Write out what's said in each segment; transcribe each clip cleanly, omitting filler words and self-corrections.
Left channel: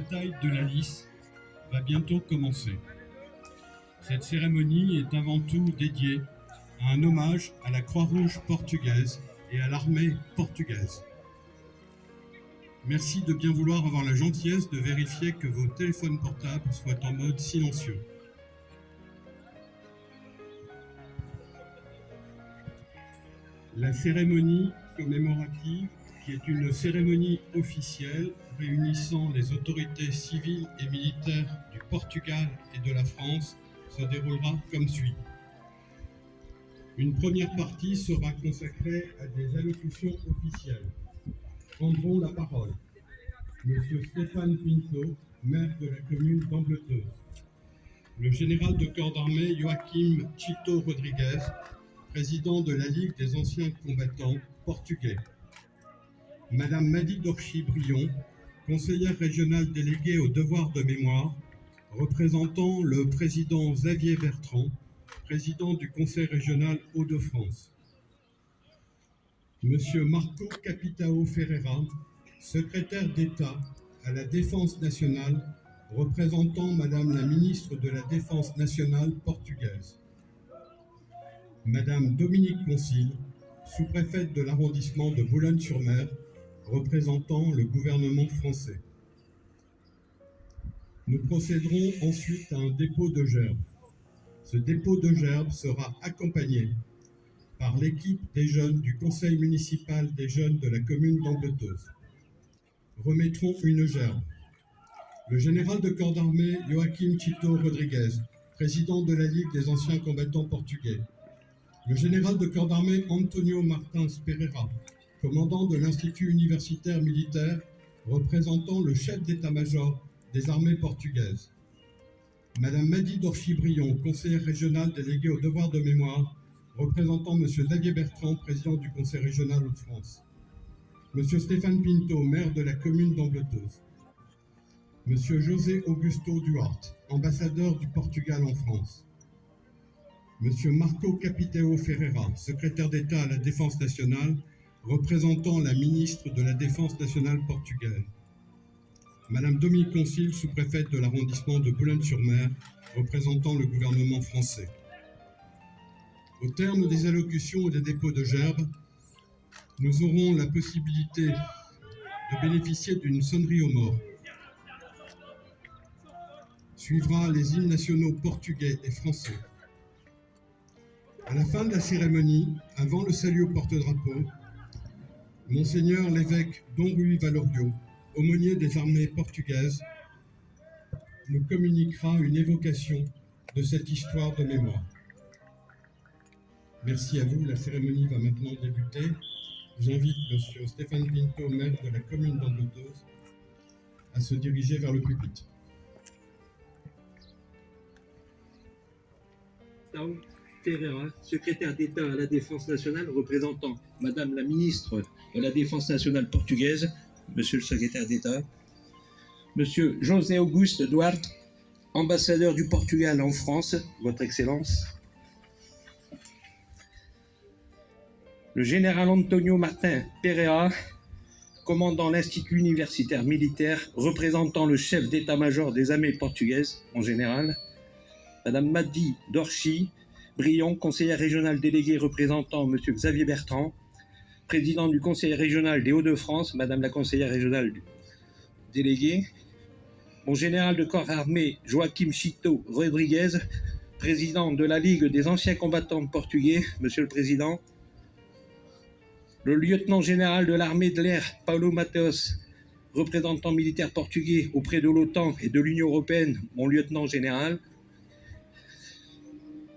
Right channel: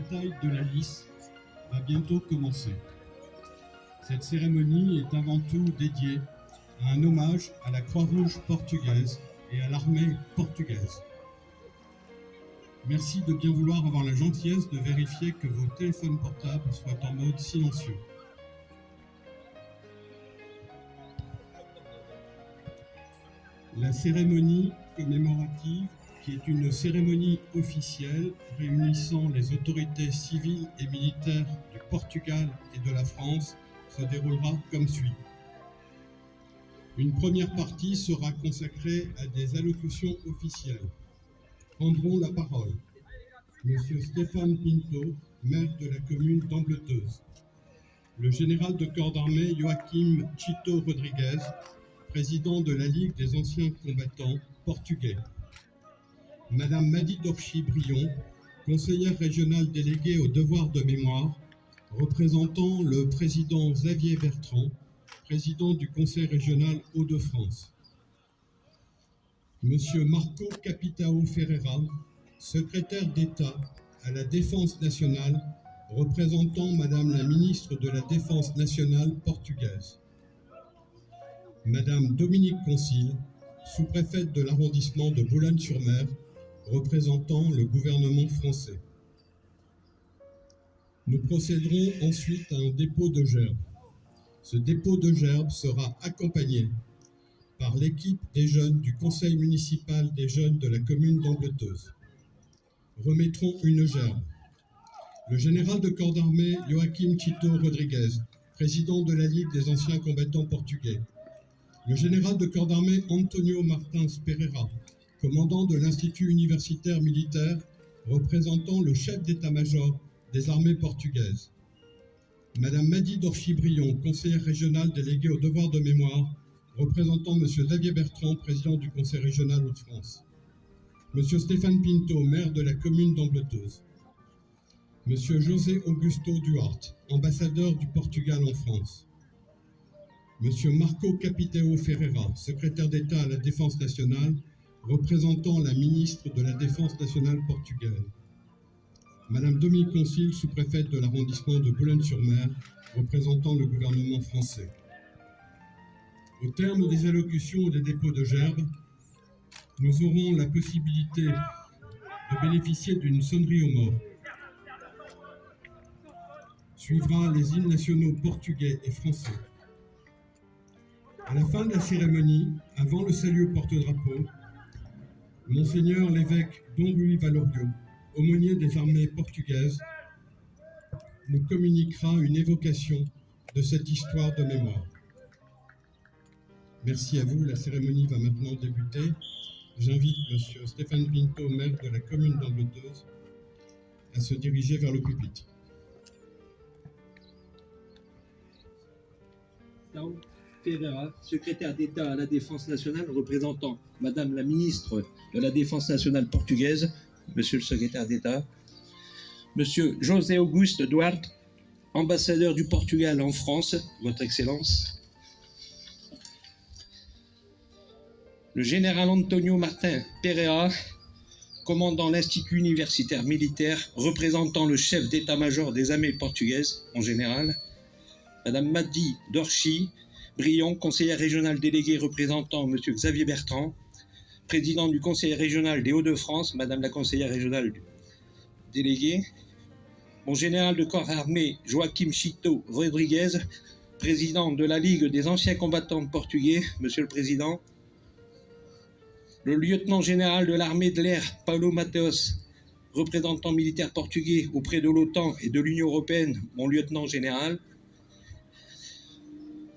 bataille de la Lys va bientôt commencer. Cette cérémonie est avant tout dédiée à un hommage à la Croix-Rouge portugaise et à l'armée portugaise. Merci de bien vouloir avoir la gentillesse de vérifier que vos téléphones portables soient en mode silencieux. La cérémonie commémorative, qui est une cérémonie officielle réunissant les autorités civiles et militaires du Portugal et de la France, se déroulera comme suit. Une première partie sera consacrée à des allocutions officielles. Prendront la parole Monsieur Stéphane Pinto, maire de la commune d'Ambleteuse, le général de corps d'armée Joaquim Chito Rodrigues, président de la Ligue des anciens combattants portugais, Madame Madi Dorchi-Brion, conseillère régionale déléguée au devoir de mémoire, représentant le président Xavier Bertrand, président du Conseil régional Hauts-de-France, Monsieur Marco Capitão Ferreira, secrétaire d'État à la Défense nationale, représentant Madame la ministre de la Défense nationale portugaise, Madame Dominique Concile, sous-préfète de l'arrondissement de Boulogne-sur-Mer, représentant le gouvernement français. Nous procéderons ensuite à un dépôt de gerbes. Ce dépôt de gerbes sera accompagné par l'équipe des jeunes du conseil municipal des jeunes de la commune d'Ambleteuse. Remettront une gerbe le général de corps d'armée Joaquim Chito Rodrigues, président de la Ligue des anciens combattants portugais, le général de corps d'armée Antonio Martins Pereira, commandant de l'Institut universitaire militaire, représentant le chef d'état-major des armées portugaises, Madame Madi Dorchi-Brion, conseillère régionale déléguée au devoir de mémoire, représentant Monsieur Xavier Bertrand, président du Conseil régional Hauts-de-France, Monsieur Stéphane Pinto, maire de la commune d'Ambleteuse, Monsieur José Augusto Duarte, ambassadeur du Portugal en France, Monsieur Marco Capitão Ferreira, secrétaire d'État à la Défense nationale, représentant la ministre de la Défense nationale portugaise, Madame Dominique Concile, sous-préfète de l'arrondissement de Boulogne-sur-Mer, représentant le gouvernement français. Au terme des allocutions et des dépôts de gerbes, nous aurons la possibilité de bénéficier d'une sonnerie aux morts. Suivra les hymnes nationaux portugais et français. À la fin de la cérémonie, avant le salut au porte-drapeau, Monseigneur l'évêque Dom Louis Valorio, aumônier des armées portugaises, nous communiquera une évocation de cette histoire de mémoire. Merci à vous, la cérémonie va maintenant débuter. J'invite Monsieur Stéphane Pinto, maire de la commune d'Ambleteuse, à se diriger vers le public. Ferreira, secrétaire d'État à la Défense nationale, représentant Madame la ministre de la Défense nationale portugaise, Monsieur le secrétaire d'État, Monsieur José Augusto Duarte, ambassadeur du Portugal en France, Votre Excellence, le général Antonio Martins Pereira, commandant l'Institut universitaire militaire, représentant le chef d'état-major des armées portugaises en général, Madame Madi Dorchi-Brion, conseillère régionale déléguée représentant Monsieur Xavier Bertrand, président du Conseil régional des Hauts-de-France, Madame la conseillère régionale déléguée, mon général de corps armé Joaquim Chito Rodrigues, président de la Ligue des anciens combattants portugais, Monsieur le Président, le lieutenant général de l'armée de l'air Paulo Mateos, représentant militaire portugais auprès de l'OTAN et de l'Union européenne, mon lieutenant général,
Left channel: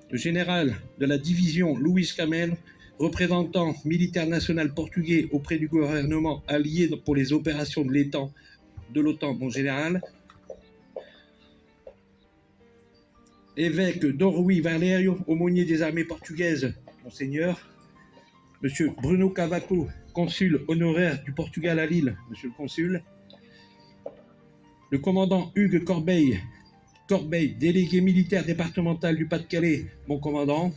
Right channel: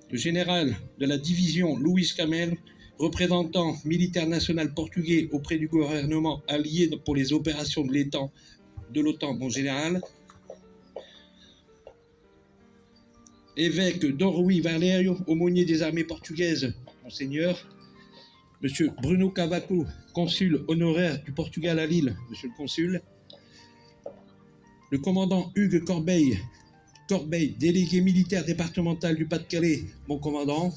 le général de la division Luís Camelo, représentant militaire national portugais auprès du gouvernement allié pour les opérations de l'OTAN, mon général, évêque Dom Rui Valério, aumônier des armées portugaises, monseigneur, Monsieur Bruno Cavaco, consul honoraire du Portugal à Lille, Monsieur le consul, le commandant Hugues Corbeil, délégué militaire départemental du Pas-de-Calais, mon commandant,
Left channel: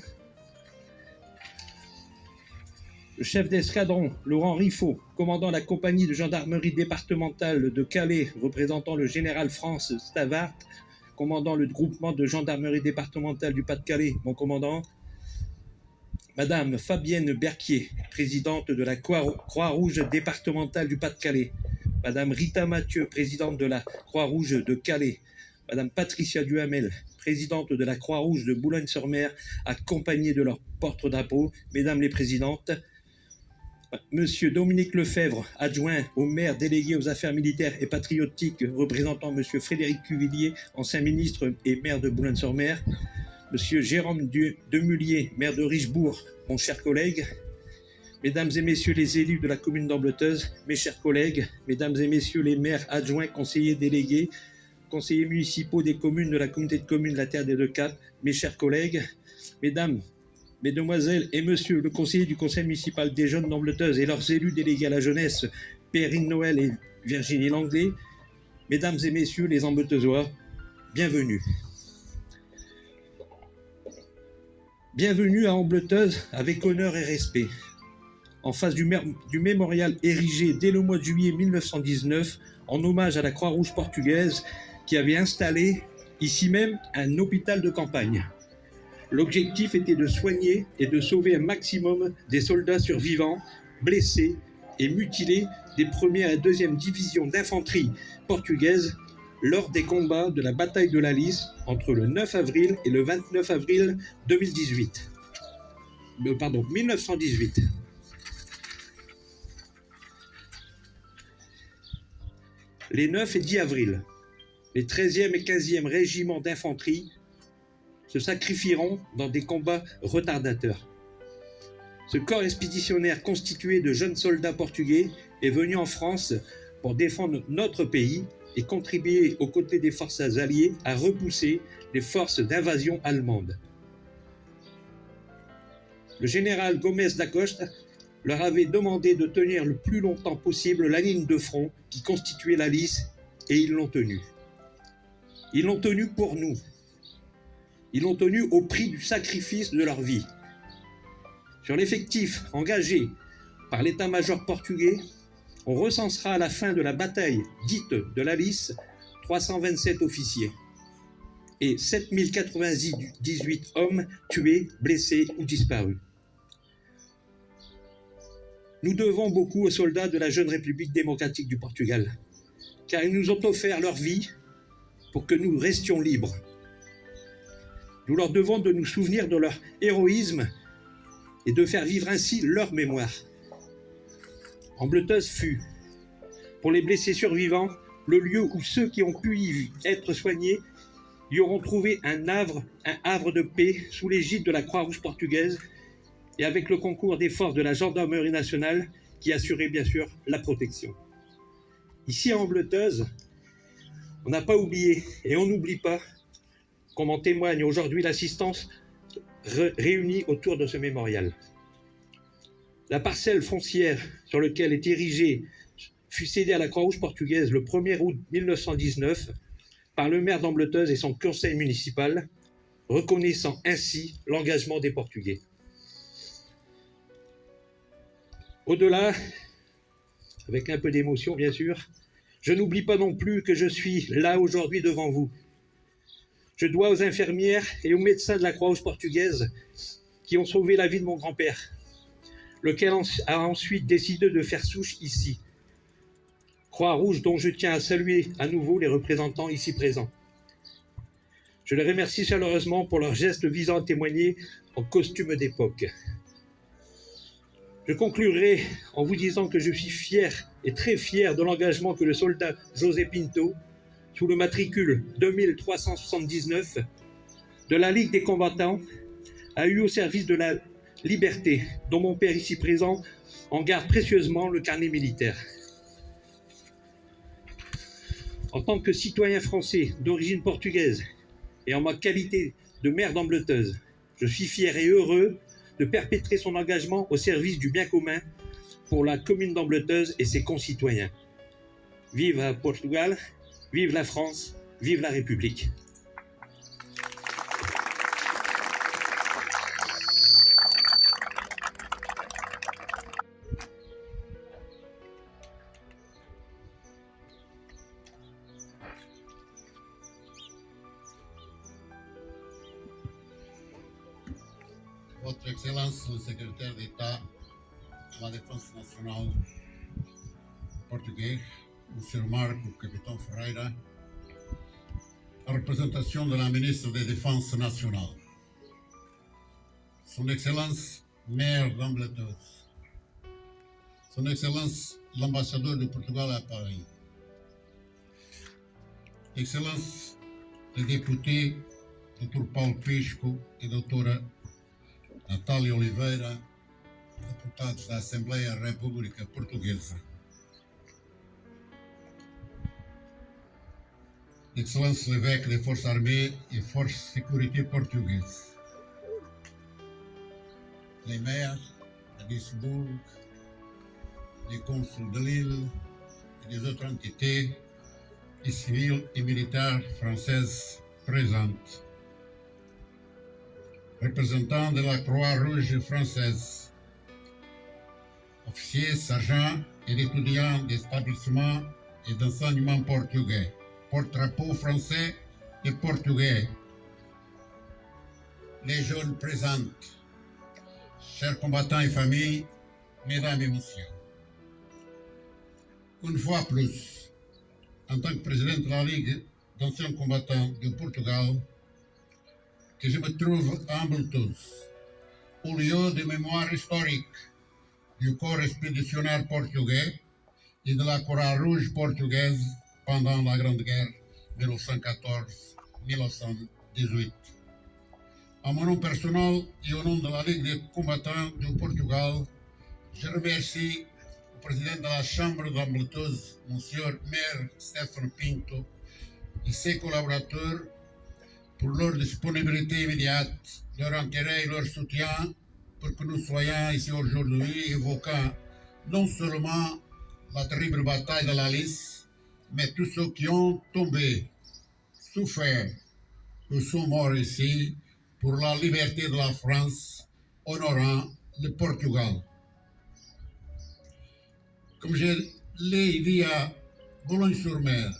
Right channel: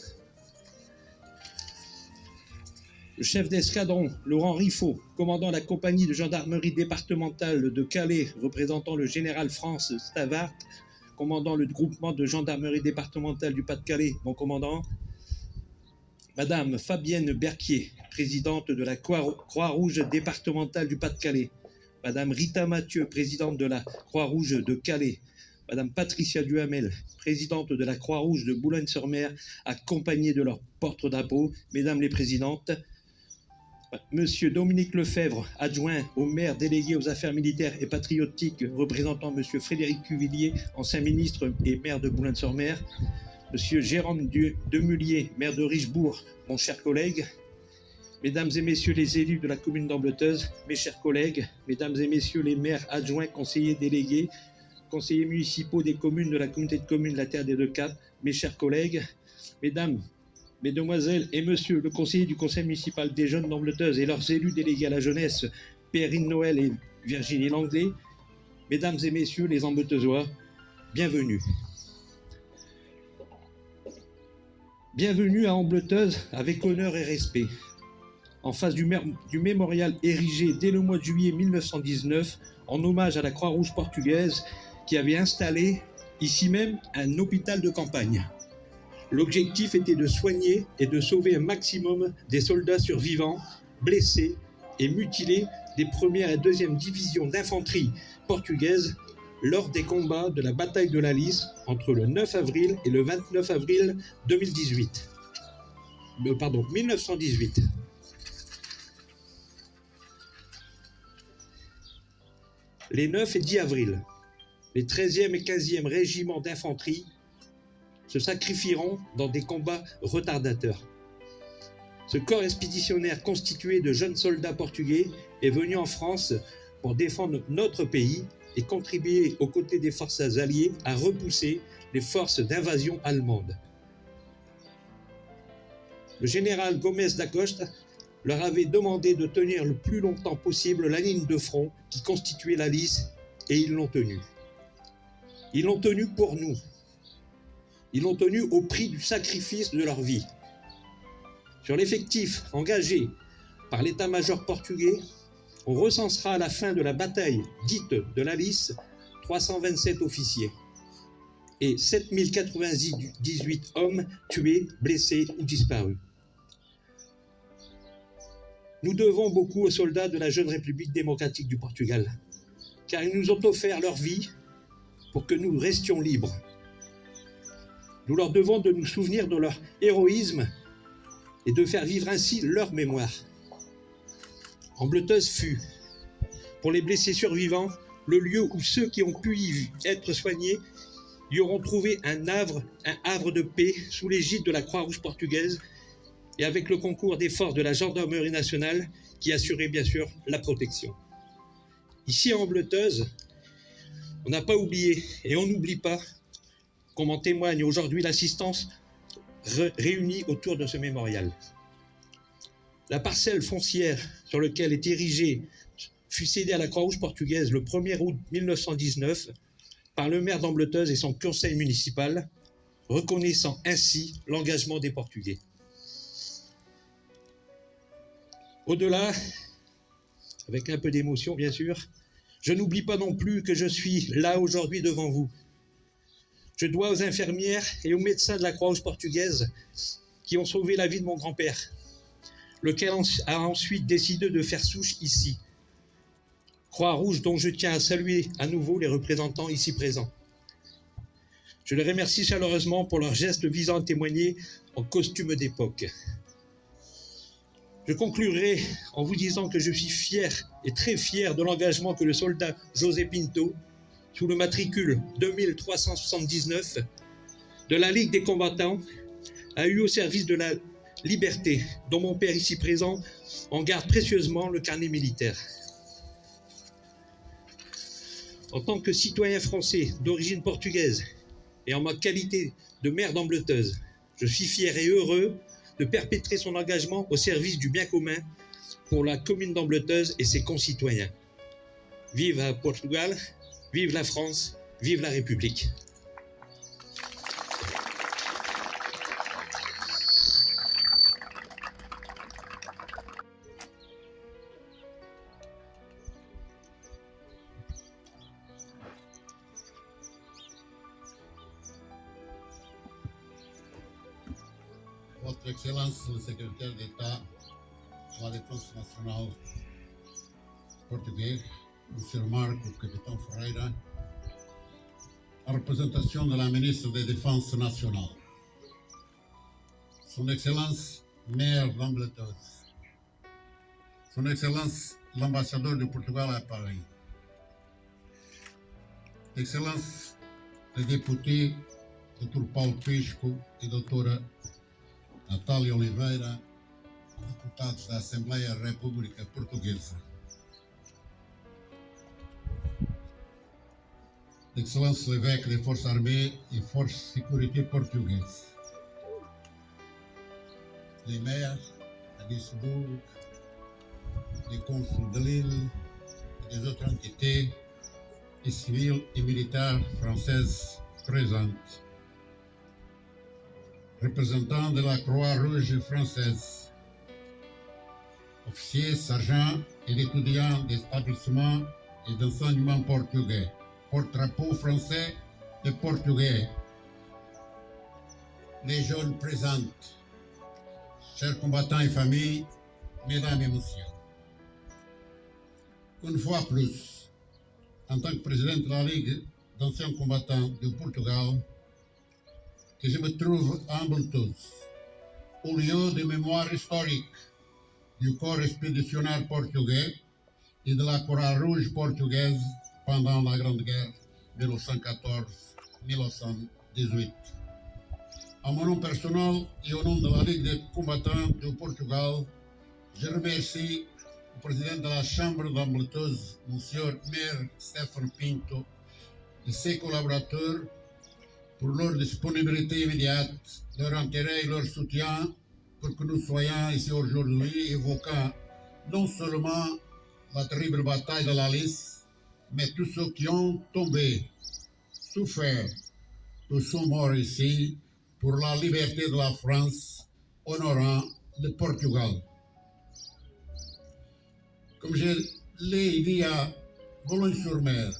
le chef d'escadron, Laurent Riffaut, commandant la compagnie de gendarmerie départementale de Calais, représentant le général France Stavart, commandant le groupement de gendarmerie départementale du Pas-de-Calais, mon commandant, Madame Fabienne Berquier, présidente de la Croix-Rouge départementale du Pas-de-Calais, Madame Rita Mathieu, présidente de la Croix-Rouge de Calais, Madame Patricia Duhamel, présidente de la Croix-Rouge de Boulogne-sur-Mer, accompagnée de leur porte-drapeau, Mesdames les présidentes, Monsieur Dominique Lefebvre, adjoint au maire délégué aux affaires militaires et patriotiques, représentant Monsieur Frédéric Cuvillier, ancien ministre et maire de Boulogne-sur-Mer, Monsieur Jérôme Demullier, maire de Richebourg, mon cher collègue, Mesdames et Messieurs les élus de la commune d'Ambleteuse, mes chers collègues, Mesdames et Messieurs les maires adjoints, conseillers délégués, conseillers municipaux des communes de la communauté de communes La Terre des Deux Caps, mes chers collègues, Mesdames, Mesdemoiselles et Messieurs, le conseiller du conseil municipal des jeunes d'Ambleteuse et leurs élus délégués à la jeunesse, Perrine Noël et Virginie Langlais, Mesdames et Messieurs les Ambleteusois, bienvenue. Bienvenue à Ambleteuse avec honneur et respect. En face du mémorial érigé dès le mois de juillet 1919 en hommage à la Croix-Rouge portugaise qui avait installé ici même un hôpital de campagne. L'objectif était de soigner et de sauver un maximum des soldats survivants, blessés et mutilés des 1e et 2e divisions d'infanterie portugaises lors des combats de la bataille de la Lys entre le 9 avril et le 29 avril 1918. Les 9 et 10 avril, les 13e et 15e régiments d'infanterie se sacrifieront dans des combats retardateurs. Ce corps expéditionnaire constitué de jeunes soldats portugais est venu en France pour défendre notre pays et contribuer aux côtés des forces alliées à repousser les forces d'invasion allemandes. Le général Gomes da Costa leur avait demandé de tenir le plus longtemps possible la ligne de front qui constituait la Lys et ils l'ont tenue. Ils l'ont tenue pour nous. Ils l'ont tenu au prix du sacrifice de leur vie. Sur l'effectif engagé par l'état-major portugais, on recensera à la fin de la bataille dite de la Lys 327 officiers et 7098 hommes tués, blessés ou disparus. Nous devons beaucoup aux soldats de la jeune République démocratique du Portugal, car ils nous ont offert leur vie pour que nous restions libres. Nous leur devons de nous souvenir de leur héroïsme et de faire vivre ainsi leur mémoire. Ambleteuse fut, pour les blessés survivants, le lieu où ceux qui ont pu y être soignés y auront trouvé un havre de paix sous l'égide de la Croix-Rouge portugaise et avec le concours des forces de la gendarmerie nationale qui assuraient bien sûr la protection. Ici à Ambleteuse, on n'a pas oublié et on n'oublie pas, comme en témoigne aujourd'hui l'assistance réunie autour de ce mémorial. La parcelle foncière sur laquelle est érigée fut cédée à la Croix-Rouge portugaise le 1er août 1919 par le maire d'Ambleteuse et son conseil municipal, reconnaissant ainsi l'engagement des Portugais. Au-delà, avec un peu d'émotion bien sûr, je n'oublie pas non plus que je suis là aujourd'hui devant vous. Je dois aux infirmières et aux médecins de la Croix-Rouge portugaise qui ont sauvé la vie de mon grand-père, lequel a ensuite décidé de faire souche ici. Croix-Rouge dont je tiens à saluer à nouveau les représentants ici présents. Je les remercie chaleureusement pour leur geste visant à témoigner en costume d'époque. Je conclurai en vous disant que je suis fier et très fier de l'engagement que le soldat José Pinto, sous le matricule 2379 de la Ligue des combattants, a eu au service de la liberté, dont mon père ici présent en garde précieusement le carnet militaire. En tant que citoyen français d'origine portugaise et en ma qualité de maire d'Ambleteuse, je suis fier et heureux de perpétrer son engagement au service du bien commun pour la commune d'Ambleteuse et ses concitoyens. Vive le Portugal, vive la France, vive la République. Votre Excellence le secrétaire d'État à la Défense nationale portugais, M. Marco Capitão Ferreira, en représentation de la ministre de la Défense nationale, Son Excellence maire d'Ambletos, Son Excellence l'ambassadeur du Portugal à Paris, Excellence les députés Dr. Paulo Pisco e Doutora Natália Oliveira, deputados da Assembleia da República Portuguesa, Excellence l'évêque des Forces armées et Forces de sécurité portugaises, les maires de Lisbourg, les consuls de Lille et des autres entités et civiles et militaires françaises présentes, représentants de la Croix-Rouge française, officiers, sergents et étudiants d'établissements et d'enseignement portugais, porte-drapeau français et portugais, les jeunes présentes, chers combattants et familles, mesdames et messieurs. Une fois plus, en tant que président de la Ligue d'anciens combattants du Portugal, que je me trouve à Ambletos, au lieu de mémoire historique du corps expéditionnaire portugais et de la Croix-Rouge portugaise pendant la Grande Guerre 1914-1918. En mon nom personnel et au nom de la Ligue des combattants du Portugal, je remercie le président de la Chambre d'Ambletos, M. Maire Stefano Pinto, et ses collaborateurs pour leur disponibilité immédiate, leur intérêt et leur soutien pour que nous soyons ici aujourd'hui évoquant non seulement la terrible bataille de la Lys, mais tous ceux qui ont tombé, souffert ou sont morts ici pour la liberté de la France, honorant le Portugal. Comme je l'ai dit à Boulogne-sur-Mer,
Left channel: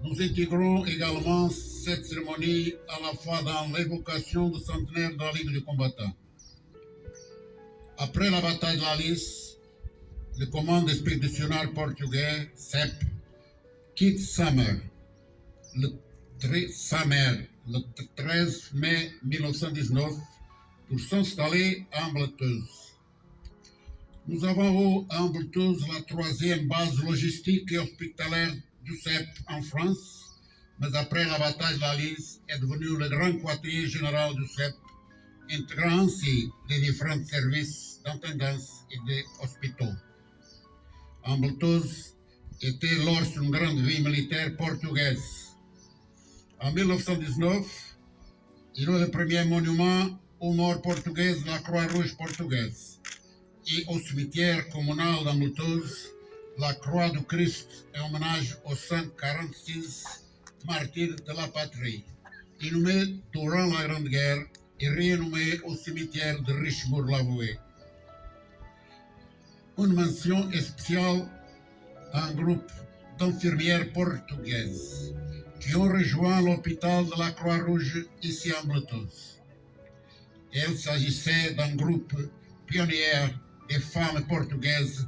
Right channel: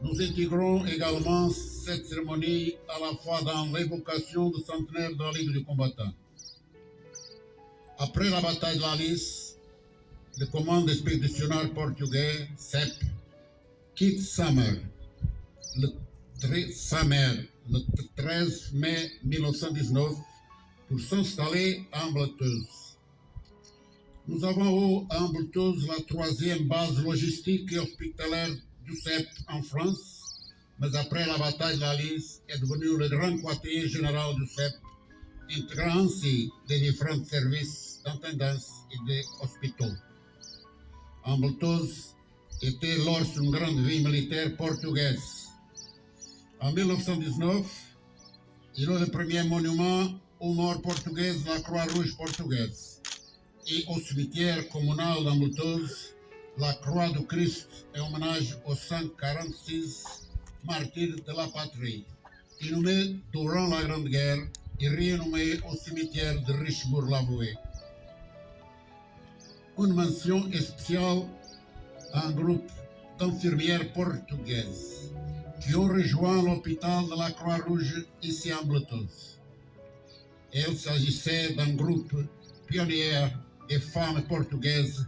nous intégrons également cette cérémonie à la fois dans l'évocation du centenaire de la Ligue des combattants. Après la bataille de la Lys, le commande expéditionnaire portugais, CEP, quitte sa mère le 13 mai 1919 pour s'installer à Ambletos. Nous avons à Ambletos la troisième base logistique et hospitalière du CEP en France, mais après la bataille de la Lys est devenu le grand quartier général du CEP, intégrant ainsi les différents services d'intendance et des hôpitaux. Ambletos était lors une grande ville militaire portugaise. En 1919, il est le premier monument aux morts portugaises de la Croix-Rouge portugaise. Et au cimetière communal d'Ambletos, la Croix du Christ est hommage aux 146 martyrs de la patrie, inhumés durant la Grande Guerre et rénommés au cimetière de Richebourg-l'Avoué. Une mention spéciale à un groupe d'infirmières portugaises qui ont rejoint l'hôpital de la Croix-Rouge ici à Ambletos. Il s'agissait d'un groupe pionnier des femmes portugaises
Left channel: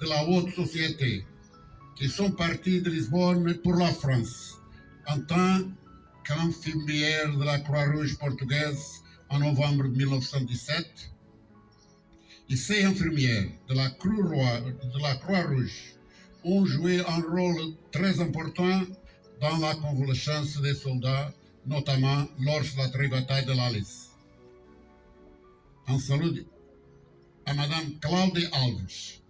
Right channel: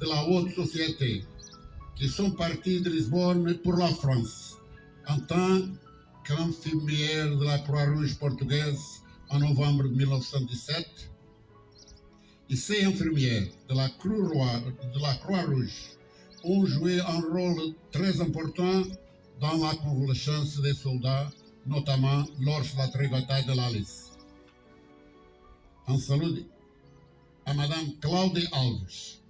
de la haute société qui sont parties de Lisbonne pour la France en tant qu'infirmières de la Croix-Rouge portugaise en novembre 1917. Et ces infirmières de la Croix-Rouge ont joué un rôle très important dans la convalescence des soldats, notamment lors de la très bataille de la Lys. Un salut à Madame Claudia Alves,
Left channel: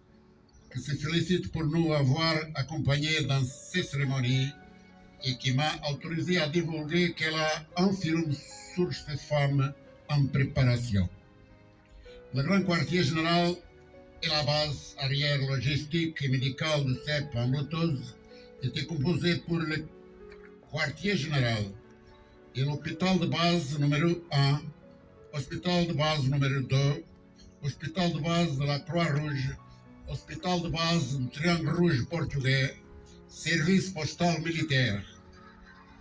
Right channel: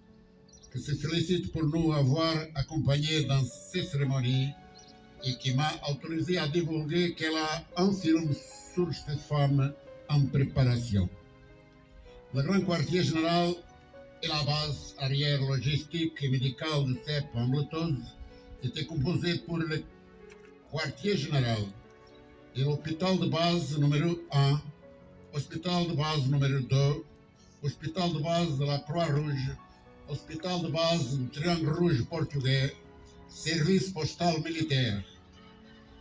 qui se félicite pour nous avoir accompagnés dans ces cérémonies et qui m'a autorisé à divulguer qu'elle a un film sur ces femmes en préparation. Le grand quartier général et la base arrière logistique et médicale du CEP à Ambletos était composé pour le quartier général et l'hôpital de base numéro 1, hôpital de base numéro 2, hôpital de base de la Croix-Rouge, hôpital de base du Triangle Rouge portugais, service postal militaire.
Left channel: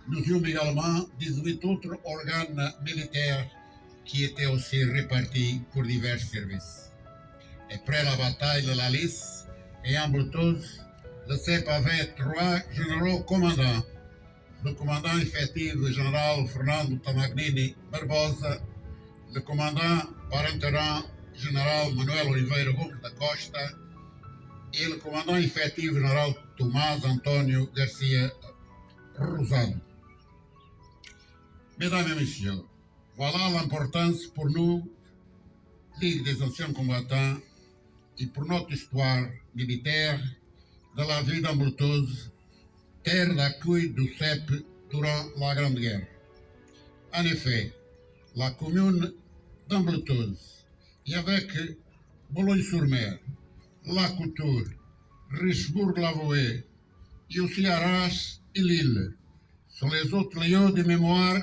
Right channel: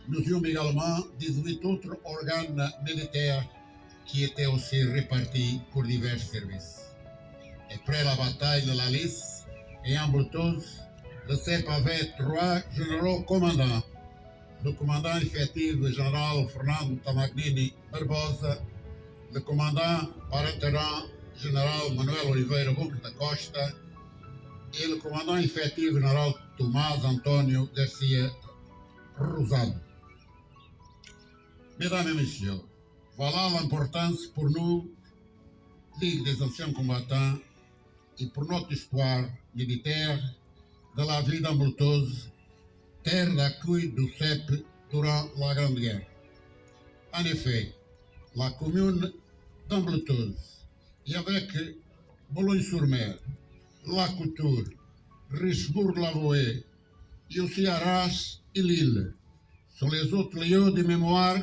Nous avons également 18 autres organes militaires qui étaient aussi répartis pour divers services. Après la bataille de la Lys et Ambleteuse, le CEP avait 3 généraux commandants. Le commandant effectif général Fernando Tamagnini Barbosa, le commandant par intérim général Manuel Oliveira Gomes da Costa et le commandant effectif général Tomás Antonio Garcia Rosado. Mesdames et messieurs, voilà l'importance pour nous, Ligue des anciens combattants, et pour notre histoire militaire de la ville d'Ambleteuse, terre d'accueil du CEP durant la Grande Guerre. En effet, la commune d'Ambleteuse, et avec Boulogne-sur-Mer, La Couture, Richebourg-la-Vouée, et aussi Arras et Lille, sont les autres lieux de mémoire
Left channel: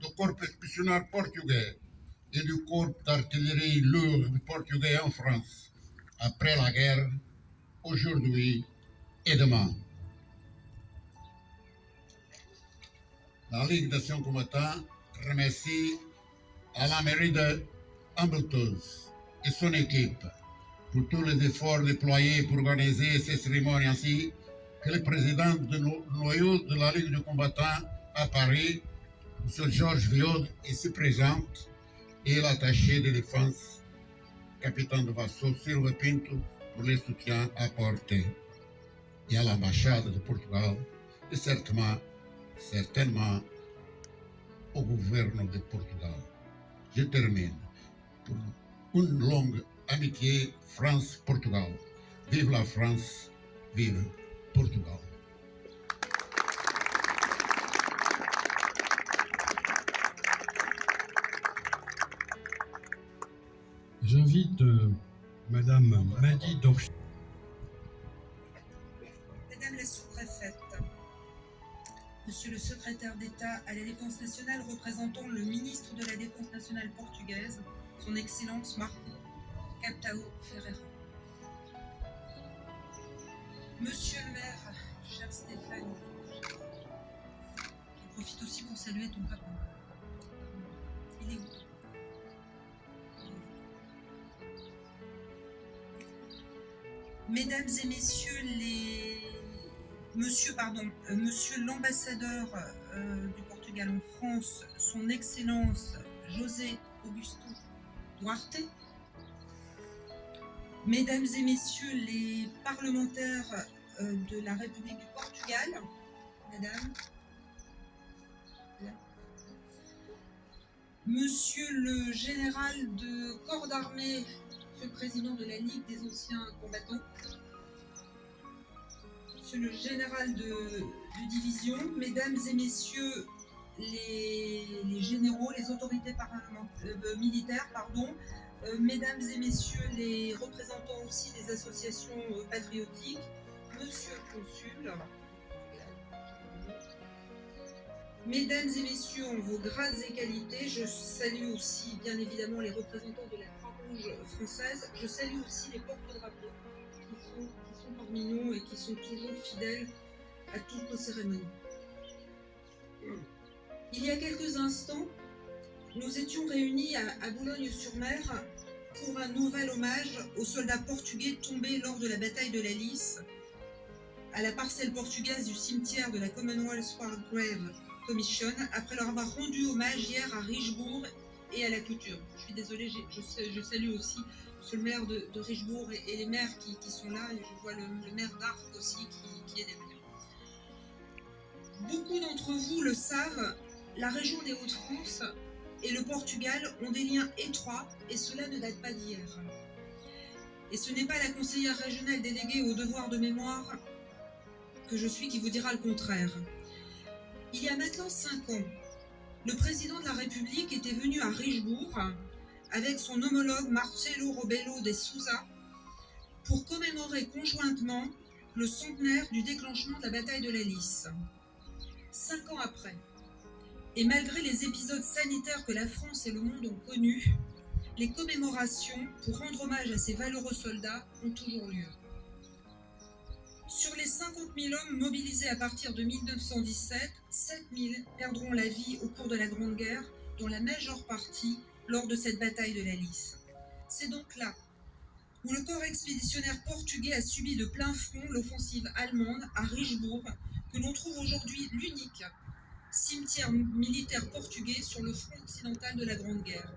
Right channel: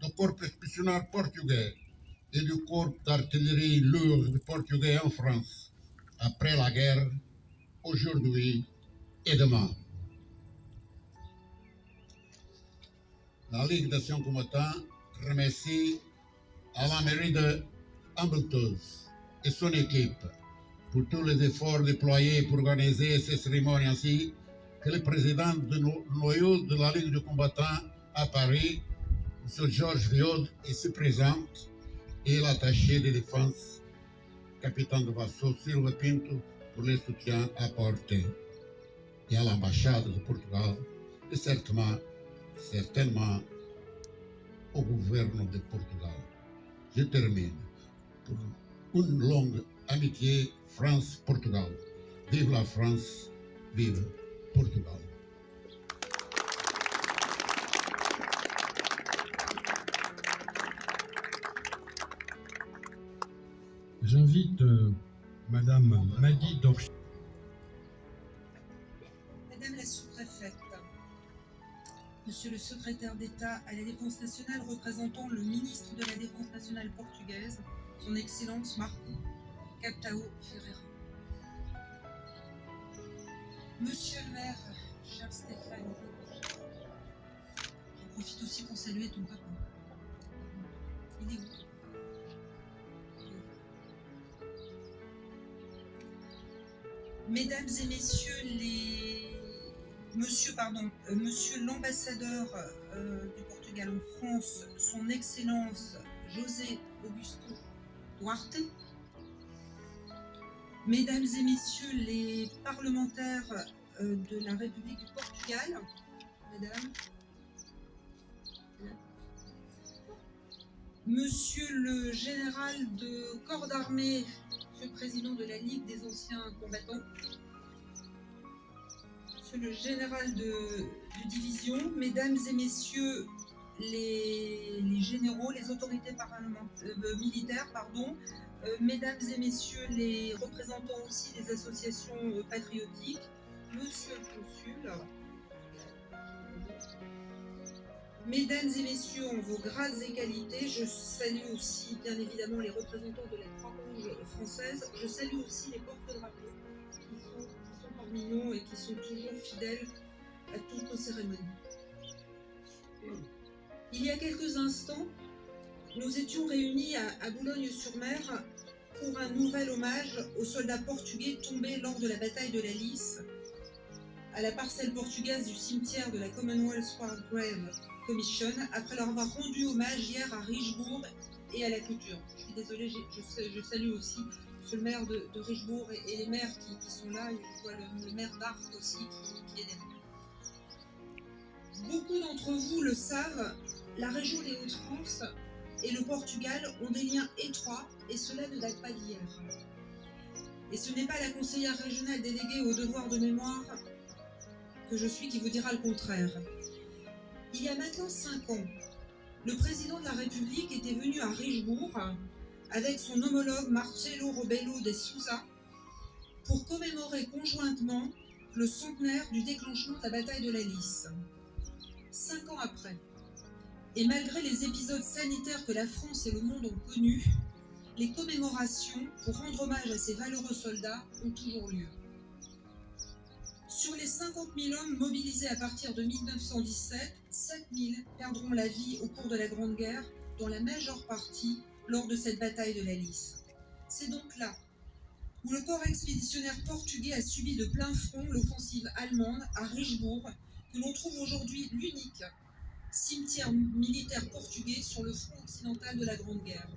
du corps expéditionnaire portugais et du corps d'artillerie lourde portugais en France, après la guerre, aujourd'hui et demain. La Ligue d'anciens combattants remercie à la mairie de Ambleteuse et son équipe pour tous les efforts déployés pour organiser ces cérémonies, ainsi que le président du noyau de la Ligue de combattants à Paris, M. Georges Viaud, ici présent, et l'attaché de défense, capitaine de vaisseau Silva Pinto, pour les soutiens apportés, et à l'ambassade de Portugal, et certainement au gouvernement de Portugal. Je termine pour une longue amitié France-Portugal. Vive la France, vive Portugal. J'invite Madame Madi Dorchi. Madame la sous-préfète, Monsieur le secrétaire d'État à la Défense nationale représentant le ministre de la Défense nationale portugaise, Son Excellence Marco Capitão Ferreira. Monsieur le maire, cher Stéphane, j'en profite aussi pour saluer ton papa. Il est où? Mesdames et messieurs Monsieur l'ambassadeur du Portugal en France, Son Excellence José Augusto Duarte, Mesdames et messieurs les parlementaires de la République du Portugal, Mesdames, Monsieur le général de corps d'armée, Monsieur le président de la Ligue des anciens combattants, Monsieur le général de division, Mesdames et Messieurs les généraux, les autorités militaires, Mesdames et Messieurs les représentants aussi des associations patriotiques, Monsieur le consul, Mesdames et Messieurs, en vos grades et qualités, je salue aussi bien évidemment les représentants de la Croix-Rouge française, je salue aussi les porte-drapeaux qui sont parmi nous et qui sont toujours fidèles à toutes nos cérémonies. Il y a quelques instants, nous étions réunis à Boulogne-sur-Mer pour un nouvel hommage aux soldats portugais tombés lors de la bataille de la Lys, à la parcelle portugaise du cimetière de la Commonwealth War Grave Commission, après leur avoir rendu hommage hier à Richebourg et à la Couture. Je suis désolée, je salue aussi monsieur le maire de Richebourg et les maires qui sont là, et je vois le maire d'Arc aussi qui est derrière. Beaucoup d'entre vous le savent, la région des Hauts-de-France et le Portugal ont des liens étroits, et cela ne date pas d'hier. Et ce n'est pas la conseillère régionale déléguée au devoir de mémoire que je suis qui vous dira le contraire. Il y a maintenant 5 ans, le président de la République était venu à Richebourg avec son homologue Marcelo Rebelo de Sousa pour commémorer conjointement le centenaire du déclenchement de la bataille de la Lys. 5 ans après, et malgré les épisodes sanitaires que la France et le monde ont connus, les commémorations pour rendre hommage à ces valeureux soldats ont toujours lieu. Sur les 50 000 hommes mobilisés à partir de 1917, 7 000 perdront la vie au cours de la Grande Guerre, dont la majeure partie lors de cette bataille de la Lys. C'est donc là où le corps expéditionnaire portugais a subi de plein front l'offensive allemande à Richebourg, que l'on trouve aujourd'hui l'unique cimetière militaire portugais sur le front occidental de la Grande Guerre.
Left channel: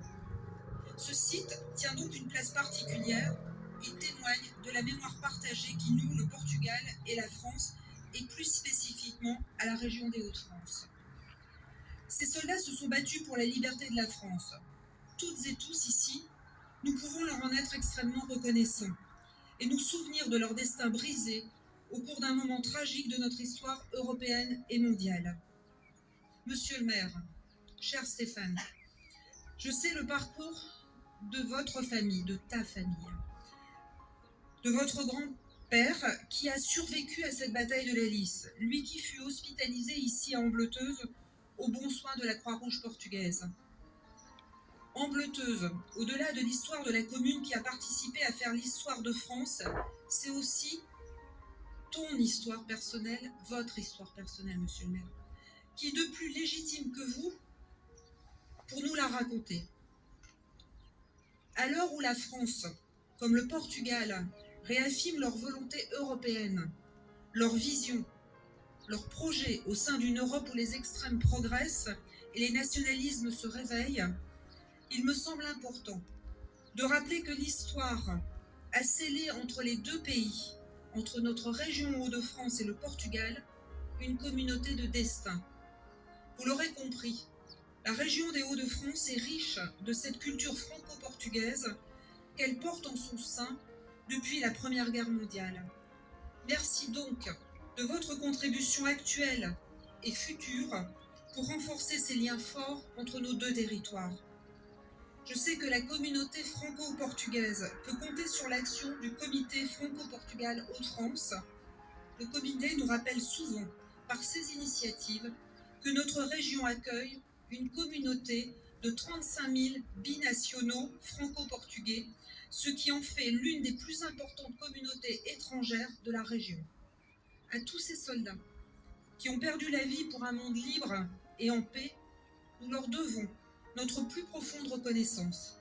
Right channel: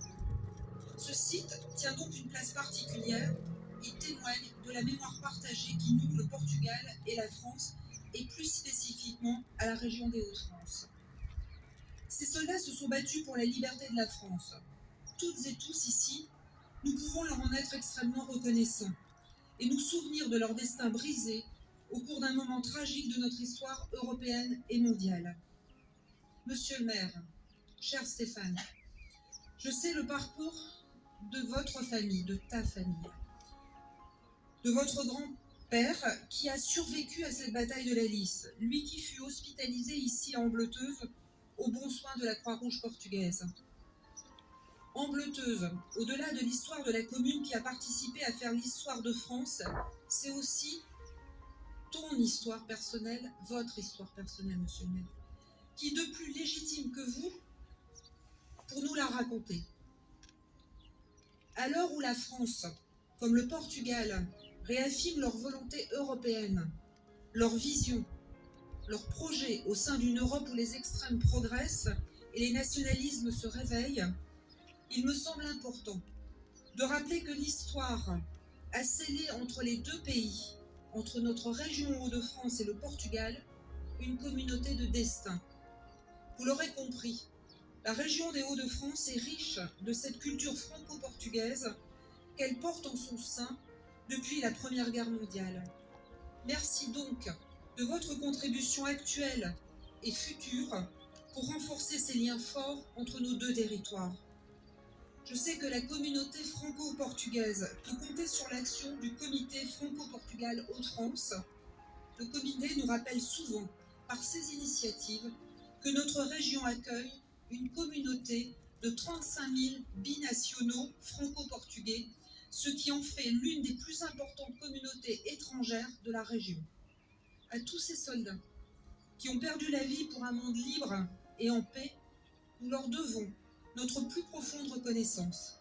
Ce site tient donc une place particulière et témoigne de la mémoire partagée qui noue le Portugal et la France, et plus spécifiquement à la région des Hauts-de-France. Ces soldats se sont battus pour la liberté de la France. Toutes et tous ici, nous pouvons leur en être extrêmement reconnaissants et nous souvenir de leur destin brisé au cours d'un moment tragique de notre histoire européenne et mondiale. Monsieur le maire, cher Stéphane, je sais le parcours de votre famille, de ta famille, de votre grand-père qui a survécu à cette bataille de la Lys, lui qui fut hospitalisé ici à Ambleteuse au bon soin de la Croix-Rouge portugaise. Ambleteuse, au-delà de l'histoire de la commune qui a participé à faire l'histoire de France, c'est aussi ton histoire personnelle, votre histoire personnelle, monsieur le maire. Qui de plus légitime que vous pour nous la raconter? À l'heure où la France, comme le Portugal, réaffirment leur volonté européenne, leur vision, leur projet au sein d'une Europe où les extrêmes progressent et les nationalismes se réveillent, il me semble important de rappeler que l'histoire a scellé entre les deux pays, entre notre région Hauts-de-France et le Portugal, une communauté de destin. Vous l'aurez compris, la région des Hauts-de-France est riche de cette culture franco-portugaise qu'elle porte en son sein depuis la Première Guerre mondiale. Merci donc de votre contribution actuelle et future pour renforcer ces liens forts entre nos deux territoires. Je sais que la communauté franco-portugaise peut compter sur l'action du comité franco-portugal Hauts-de-France. Le comité nous rappelle souvent, par ses initiatives, que notre région accueille une communauté de 35 000 binationaux franco-portugais, ce qui en fait l'une des plus importantes communautés étrangères de la région. À tous ces soldats qui ont perdu la vie pour un monde libre et en paix, nous leur devons notre plus profonde reconnaissance.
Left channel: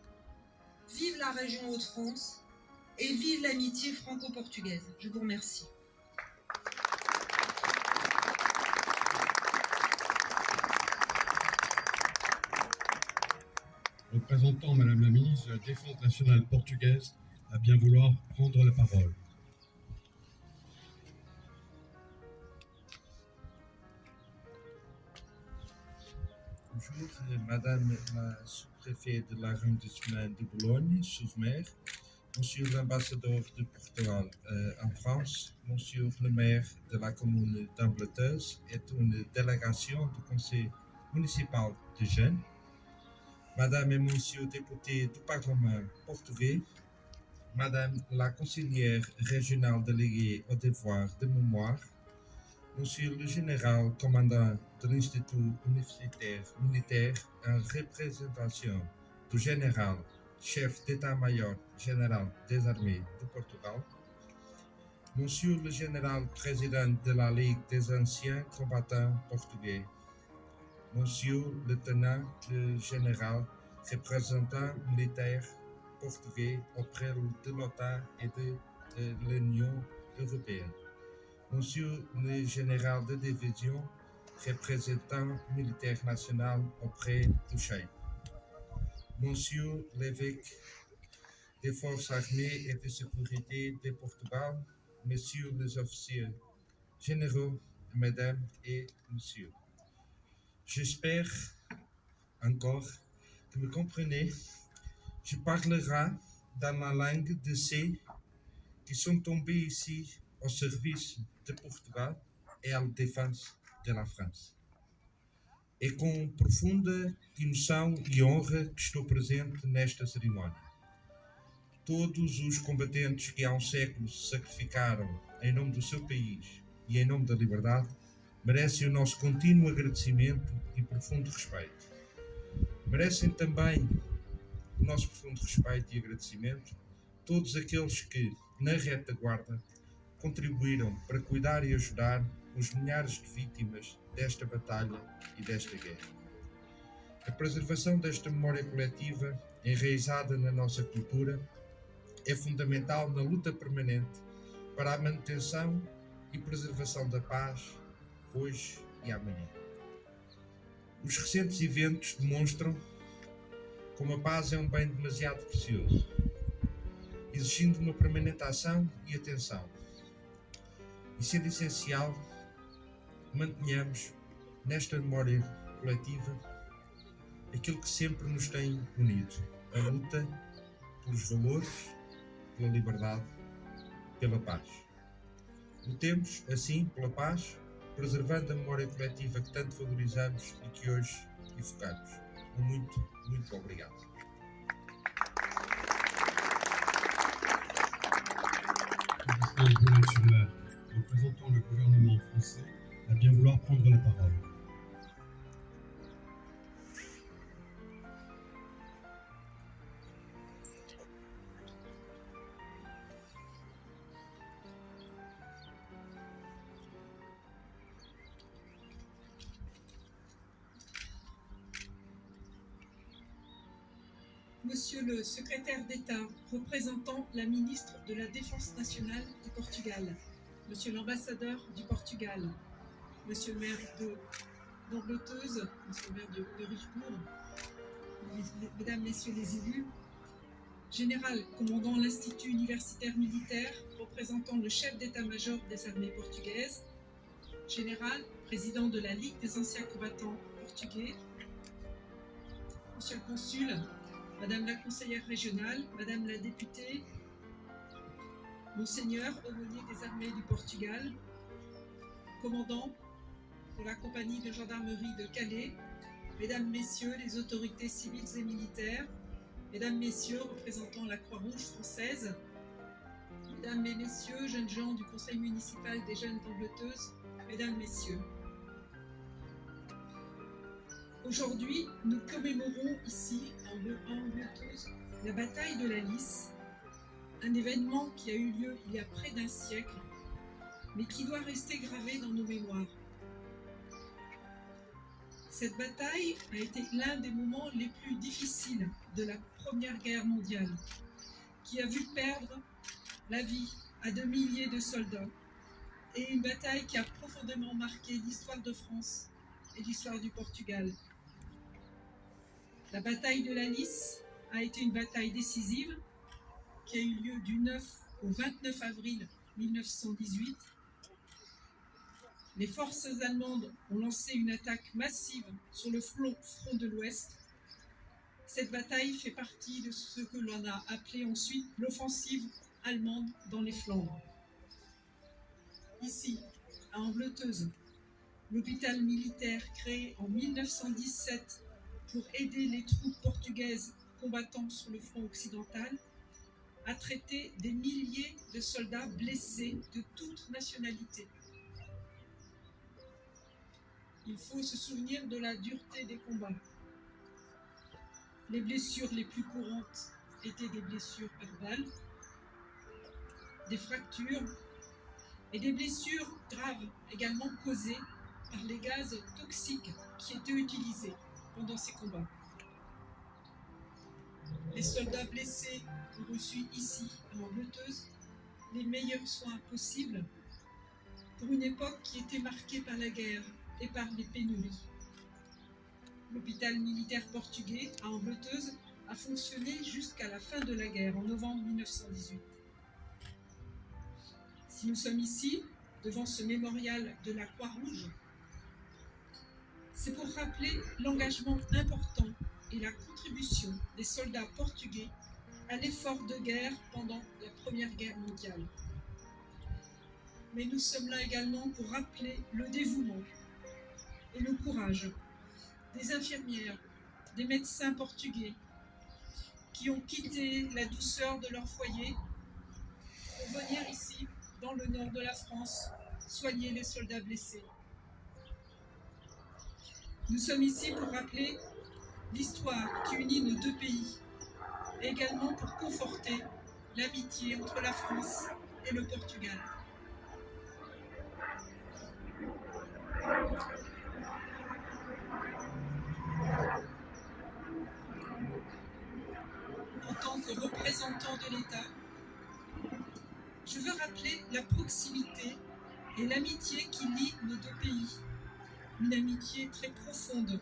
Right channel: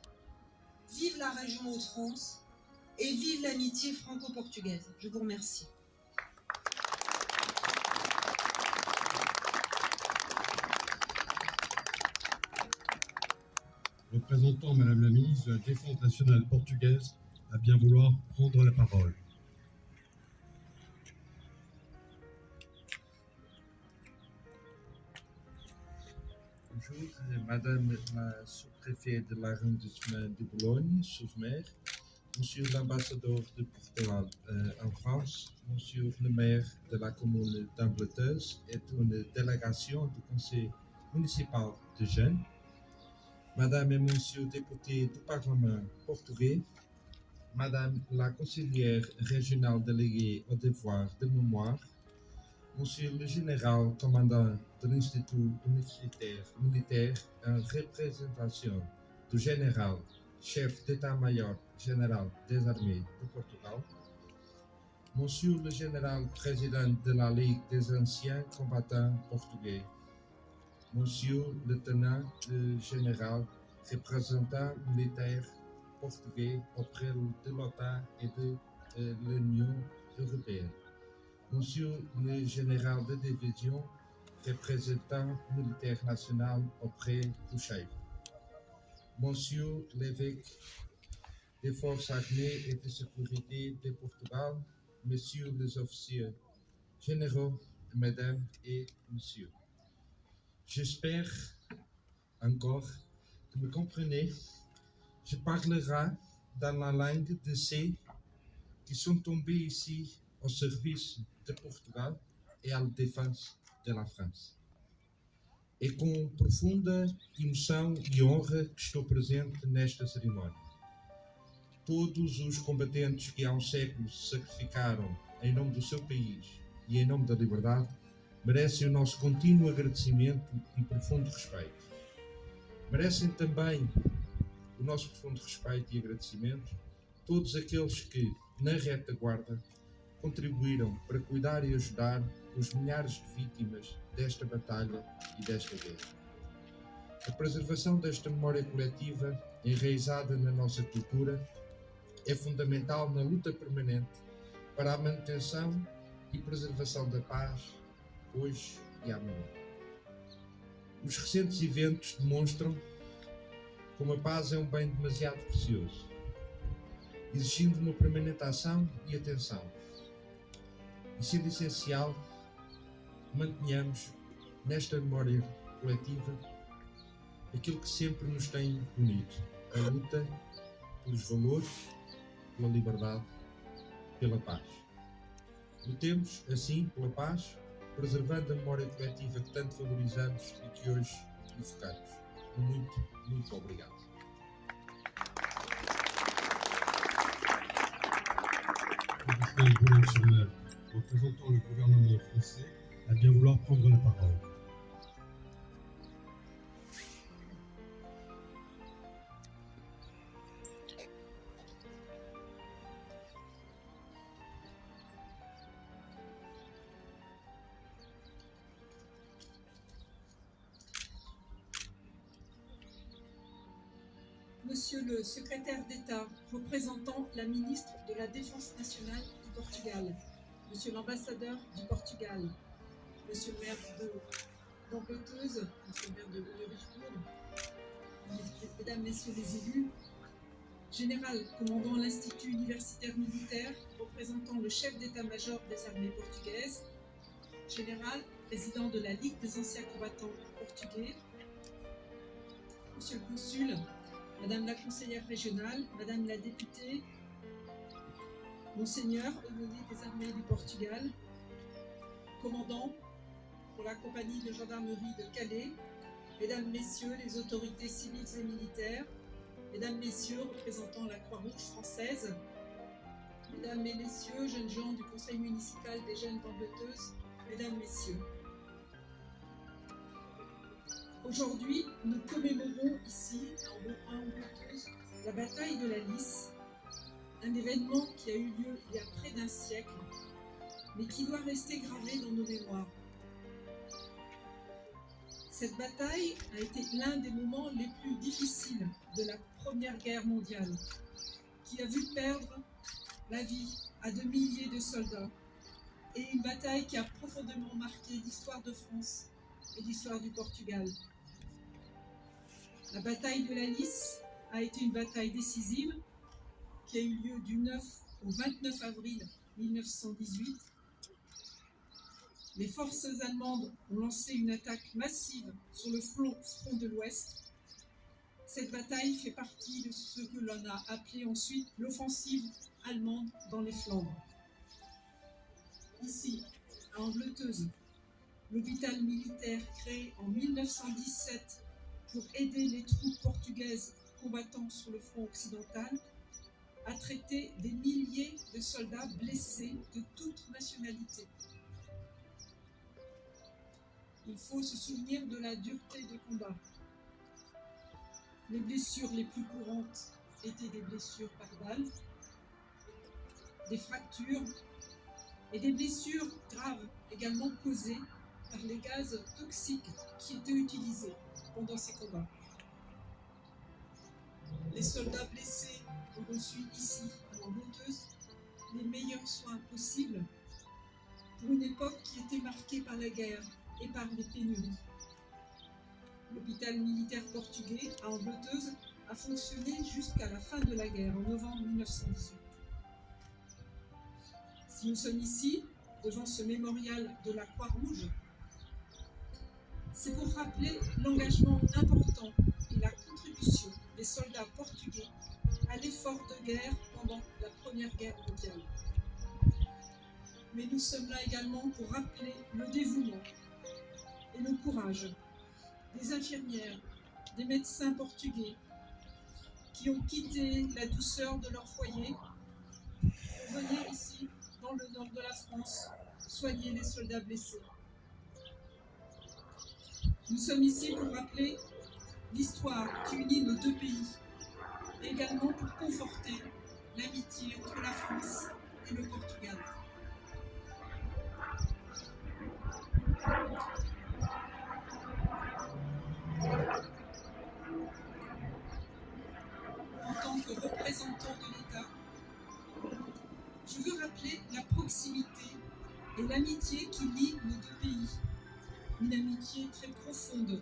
Vive la région Hauts-de-France et vive l'amitié franco-portugaise. Je vous remercie. Représentant Madame la ministre de la Défense nationale portugaise, à bien vouloir prendre la parole. Bonjour, Madame la sous-préfète de l'arrondissement de Boulogne-sur-Mer, Monsieur l'ambassadeur de Portugal en France, Monsieur le maire de la commune d'Ambleteuse et une délégation du conseil municipal de jeunes, Madame et Monsieur députés du Parlement portugais, Madame la conseillère régionale déléguée au devoir de mémoire, Monsieur le général commandant de l'Institut universitaire militaire en représentation du général chef d'état-major général des armées du Portugal, Monsieur le général président de la Ligue des anciens combattants portugais, Monsieur le lieutenant général représentant militaire portugais auprès de l'OTAN et de l'Union européenne, Monsieur le général de division représentant militaire national auprès du chef, Monsieur l'évêque des forces armées et de sécurité de Portugal, Messieurs les officiers généraux, Mesdames et Messieurs. J'espère encore que vous comprenez. Je parlerai dans la langue de ceux qui sont tombés ici au service de Portugal et à la défense de la France. É com profunda emoção e honra que estou presente nesta cerimónia. Todos os combatentes que há um século se sacrificaram em nome do seu país e em nome da liberdade merecem o nosso contínuo agradecimento e profundo respeito. Merecem também o nosso profundo respeito e agradecimento todos aqueles que, na retaguarda, contribuíram para cuidar e ajudar os milhares de vítimas desta batalha e desta guerra. A preservação desta memória coletiva, enraizada na nossa cultura, é fundamental na luta permanente para a manutenção e preservação da paz, hoje e amanhã. Os recentes eventos demonstram como a paz é um bem demasiado precioso, exigindo uma permanente ação e atenção. E sendo essencial, mantenhamos nesta memória coletiva aquilo que sempre nos tem unido, a luta pelos valores, pela liberdade, pela paz. Lutemos, assim, pela paz, preservando a memória coletiva que tanto valorizamos e que hoje evocamos. Muito, muito obrigado. Augustin Boulay-sur-Mer, représentant le gouvernement français, a bien vouloir prendre la parole. Monsieur le secrétaire d'État représentant la ministre de la Défense nationale du Portugal, Monsieur l'ambassadeur du Portugal, Monsieur le maire d'Ambleteuse, Monsieur le maire de Richebourg, Mesdames, Messieurs les élus, Général commandant l'Institut universitaire militaire représentant le chef d'état-major des armées portugaises, Général, président de la Ligue des anciens combattants portugais, Monsieur le consul, Madame la conseillère régionale, Madame la députée, Monseigneur, aumônier des armées du Portugal, commandant pour la compagnie de gendarmerie de Calais, Mesdames, Messieurs les autorités civiles et militaires, Mesdames, Messieurs représentant la Croix-Rouge française, Mesdames et Messieurs, jeunes gens du Conseil municipal des jeunes d'Ambleteuse, Mesdames, Messieurs. Aujourd'hui, nous commémorons ici, à Ambleteuse, la bataille de la Lys, un événement qui a eu lieu il y a près d'un siècle, mais qui doit rester gravé dans nos mémoires. Cette bataille a été l'un des moments les plus difficiles de la Première Guerre mondiale, qui a vu perdre la vie à de milliers de soldats, et une bataille qui a profondément marqué l'histoire de France et l'histoire du Portugal. La bataille de la Lys a été une bataille décisive qui a eu lieu du 9 au 29 avril 1918. Les forces allemandes ont lancé une attaque massive sur le front de l'Ouest. Cette bataille fait partie de ce que l'on a appelé ensuite l'offensive allemande dans les Flandres. Ici, à Ambleteuse, l'hôpital militaire créé en 1917 pour aider les troupes portugaises combattant sur le front occidental, a traité des milliers de soldats blessés de toutes nationalités. Il faut se souvenir de la dureté des combats. Les blessures les plus courantes étaient des blessures par balle, des fractures et des blessures graves également causées par les gaz toxiques qui étaient utilisés pendant ces combats. Les soldats blessés ont reçu ici, à Ambleteuse, les meilleurs soins possibles pour une époque qui était marquée par la guerre et par les pénuries. L'hôpital militaire portugais à Ambleteuse a fonctionné jusqu'à la fin de la guerre, en novembre 1918. Si nous sommes ici, devant ce mémorial de la Croix-Rouge, c'est pour rappeler l'engagement important et la contribution des soldats portugais à l'effort de guerre pendant la Première Guerre mondiale. Mais nous sommes là également pour rappeler le dévouement et le courage des infirmières, des médecins portugais qui ont quitté la douceur de leur foyer pour venir ici, dans le nord de la France, soigner les soldats blessés. Nous sommes ici pour rappeler l'histoire qui unit nos deux pays, et également pour conforter l'amitié entre la France et le Portugal. représentants de l'État, je veux rappeler la proximité et l'amitié qui lie nos deux pays. Une amitié très profonde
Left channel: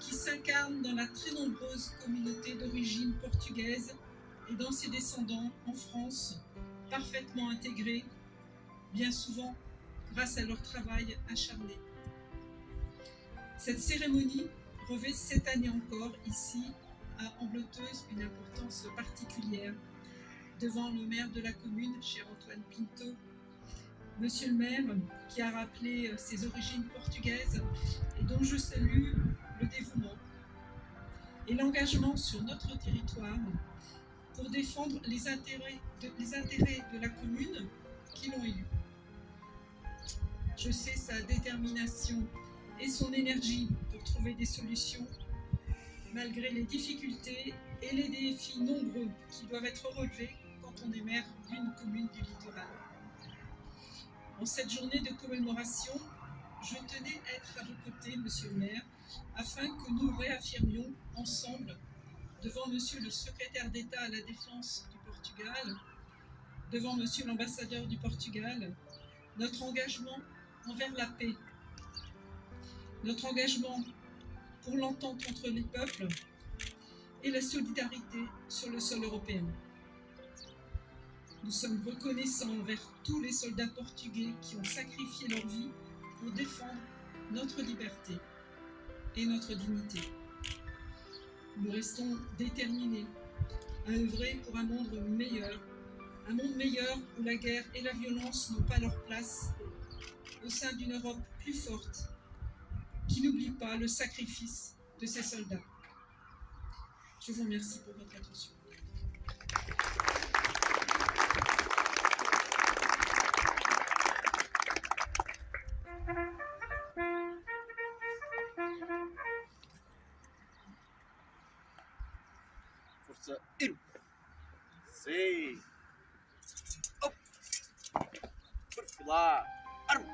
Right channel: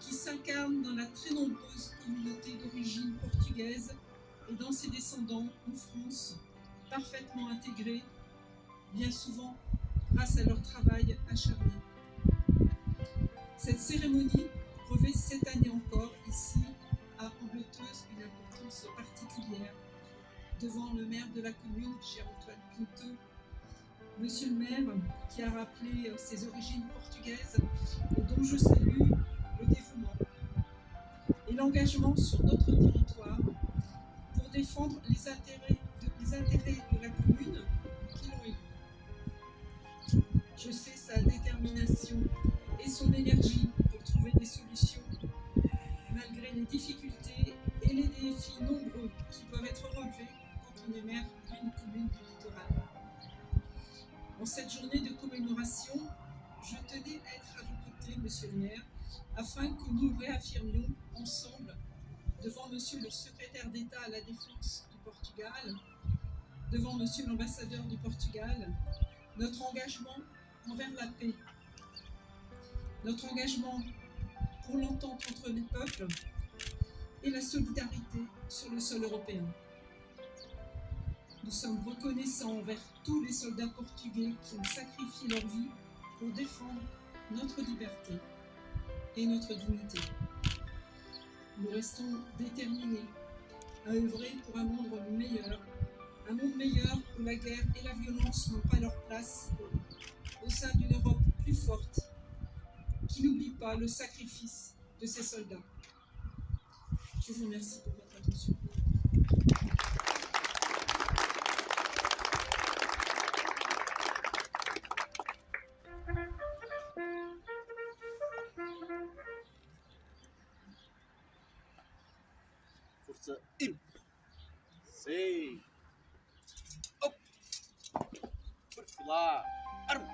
qui s'incarne dans la très nombreuse communauté d'origine portugaise et dans ses descendants en France, parfaitement intégrés, bien souvent grâce à leur travail acharné. Cette cérémonie revêt cette année encore ici à Ambleteuse une importance particulière devant le maire de la commune, cher Antoine Pinto, Monsieur le maire qui a rappelé ses origines portugaises et dont je salue le dévouement et l'engagement sur notre territoire pour défendre les intérêts de la commune qui l'ont élu. Je sais sa détermination et son énergie pour trouver des solutions malgré les difficultés et les défis nombreux qui doivent être relevés quand on est maire d'une commune du littoral. En cette journée de commémoration, je tenais à être à vos côtés, Monsieur le maire, afin que nous réaffirmions ensemble, devant Monsieur le secrétaire d'État à la Défense du Portugal, devant Monsieur l'ambassadeur du Portugal, notre engagement envers la paix, notre engagement pour l'entente entre les peuples et la solidarité sur le sol européen. Nous sommes reconnaissants envers tous les soldats portugais qui ont sacrifié leur vie pour défendre notre liberté et notre dignité. Nous restons déterminés à œuvrer pour un monde meilleur où la guerre et la violence n'ont pas leur place, au sein d'une Europe plus forte, qui n'oublie pas le sacrifice de ses soldats. Je vous remercie pour votre attention. Força, ir. Sim. Op. Perfilar. Arma.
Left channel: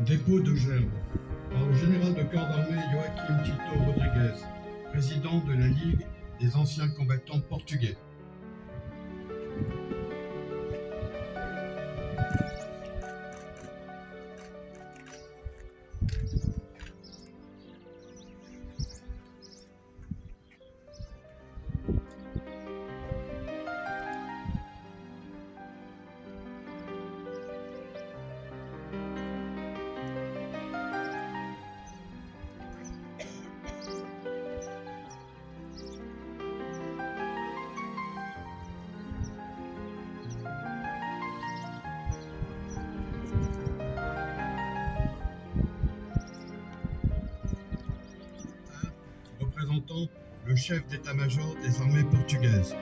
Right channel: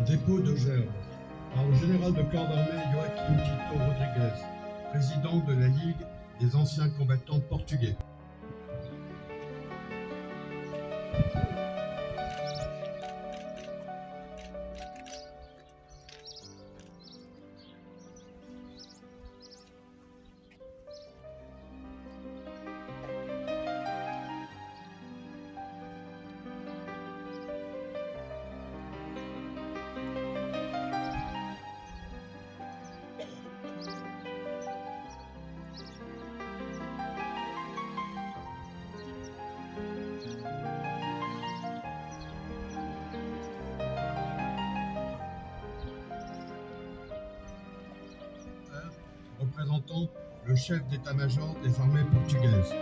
Dépôt de gerbes par le général de corps d'armée Joaquim Tito Rodrigues, président de la Ligue des anciens combattants portugais. Représentant le chef d'état-major des armées portugaises.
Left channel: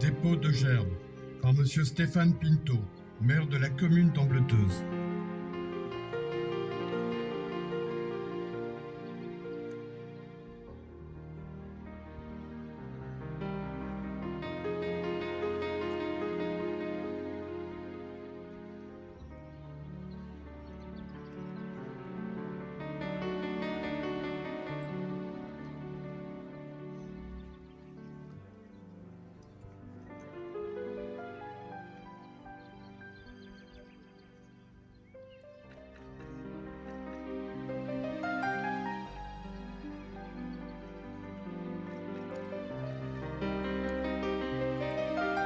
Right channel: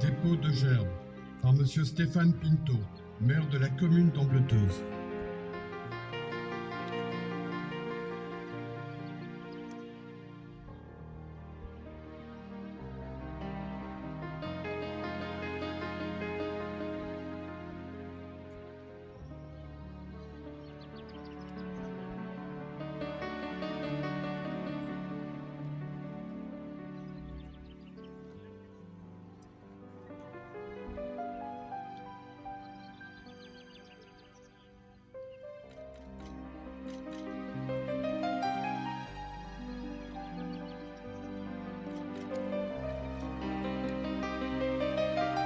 Dépôt de gerbes par M. Stéphane Pinto, maire de la commune d'Ambleteuse.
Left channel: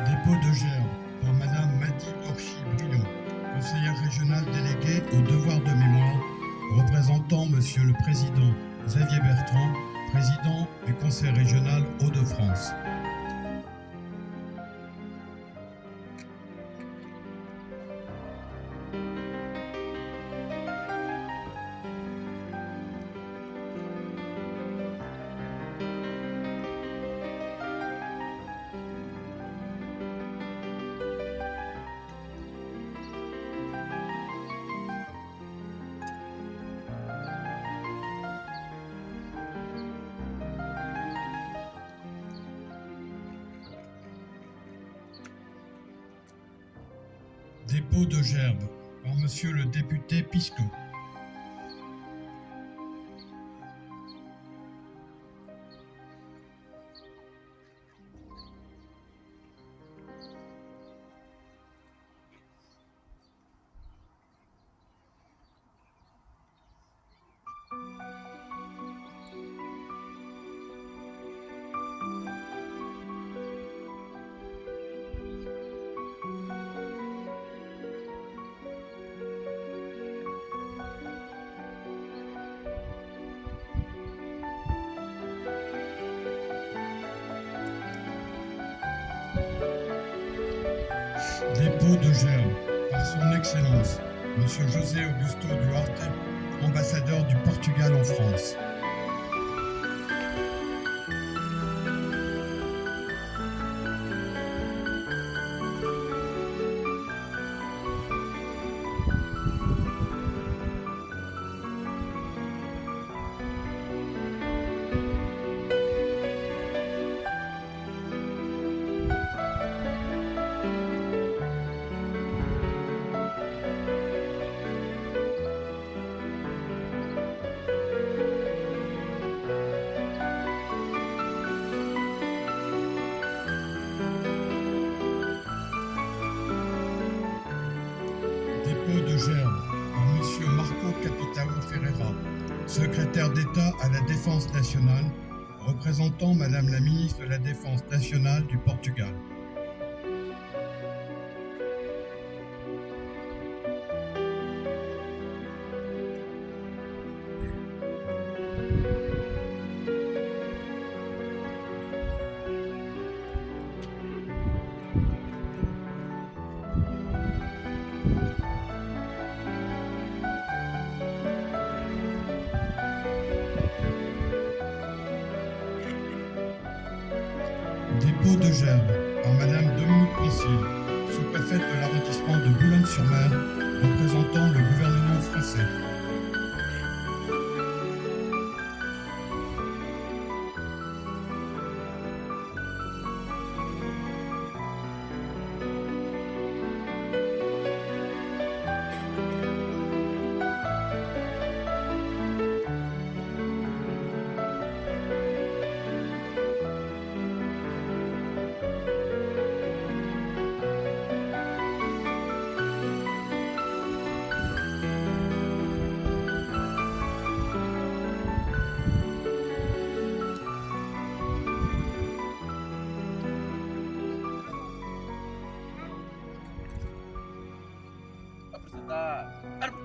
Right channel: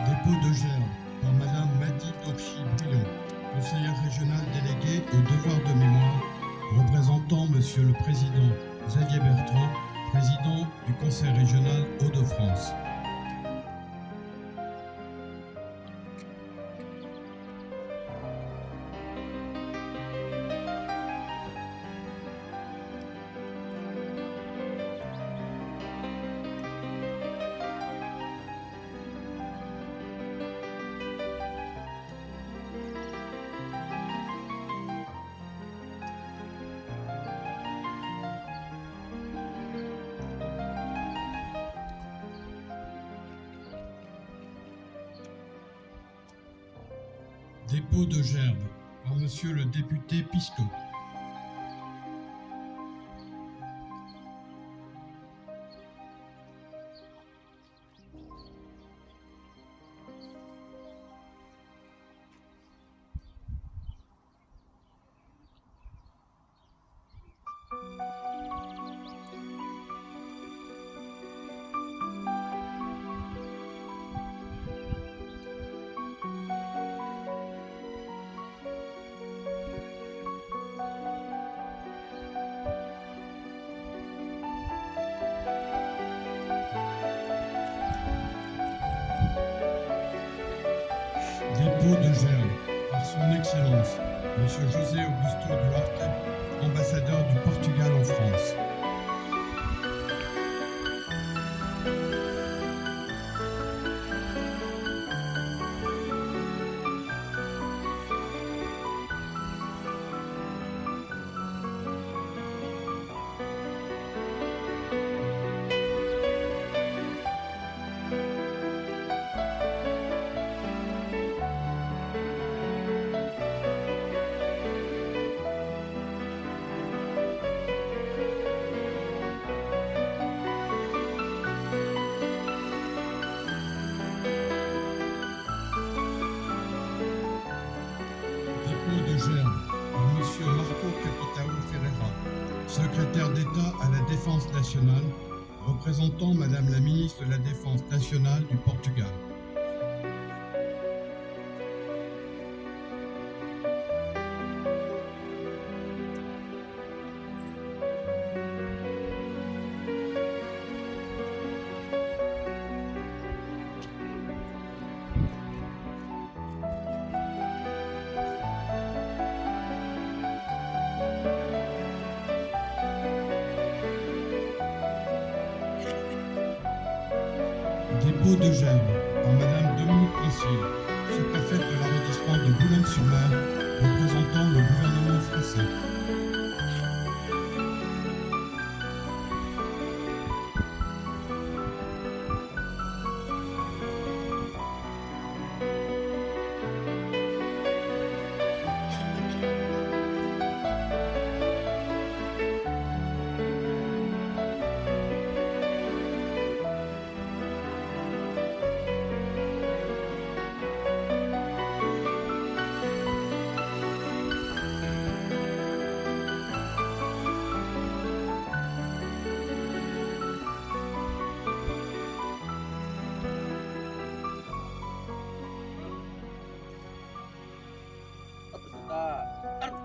Dépôt de gerbes par Madame Madi Dorchi-Brion, conseillère régionale déléguée au devoir de mémoire, représentant Monsieur le Président Xavier Bertrand, président du Conseil régional Hauts-de-France. Dépôt de gerbes par Monsieur le député Pisco. Dépôt de gerbes par son Excellence, Monsieur José Augusto Duarte, ambassadeur du Portugal en France. Dépôt de gerbes par Monsieur Marco Capitao Ferreira, secrétaire d'État à la Défense nationale, représentant Madame la ministre de la Défense nationale du Portugal. Dépôt de gerbes par Madame Dominique Concile, sous-préfète de l'arrondissement de Boulogne-sur-Mer, représentant le gouvernement français. Apresentar arma.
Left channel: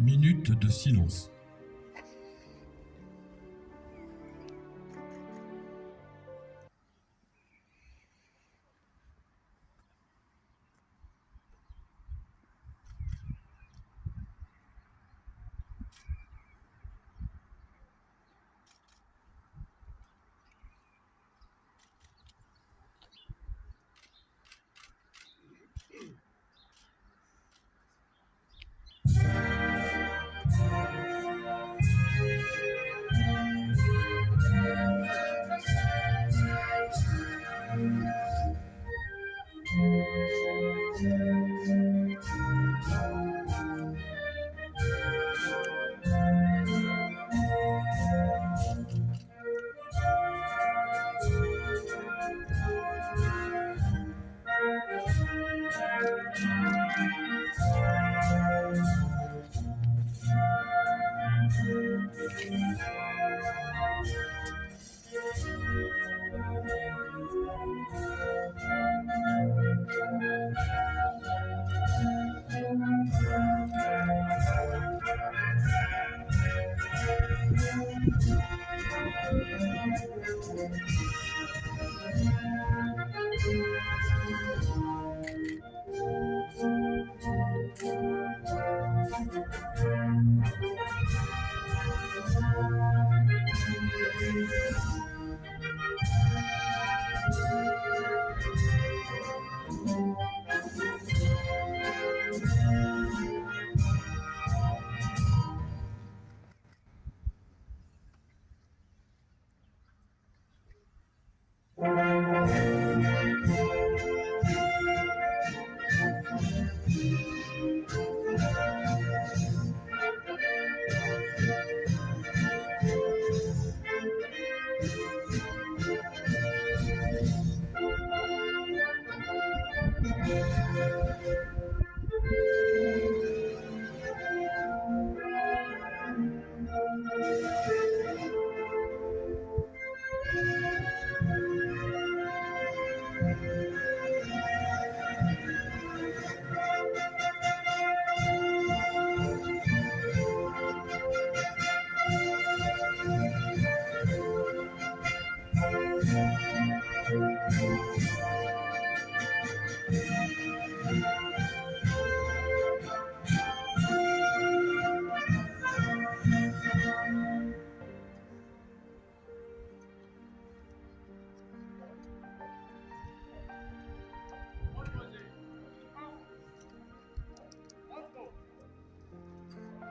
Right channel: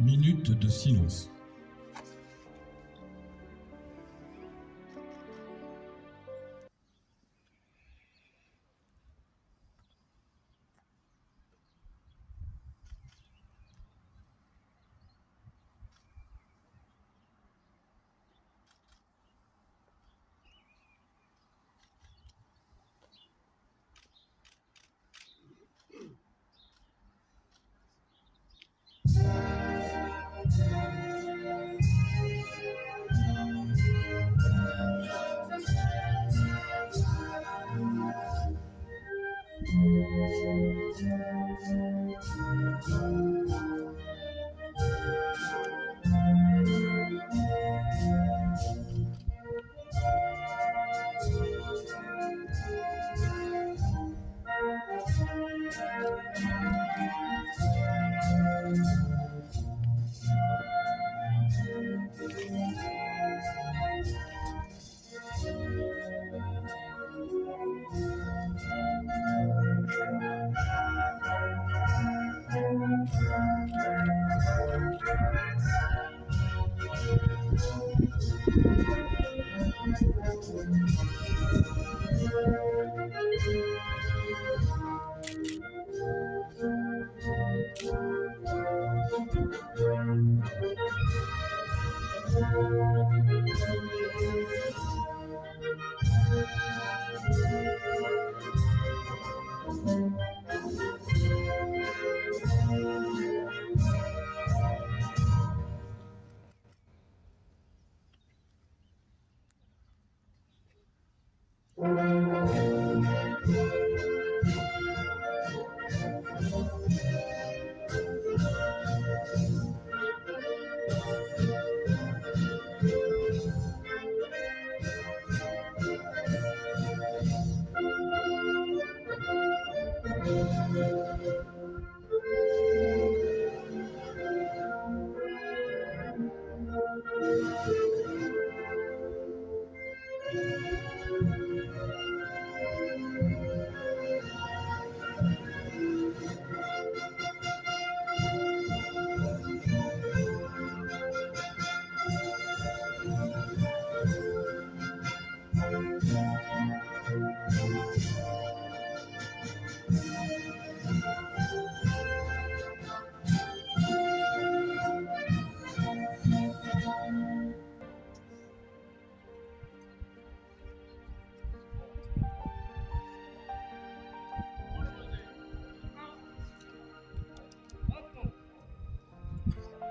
Minute de silence.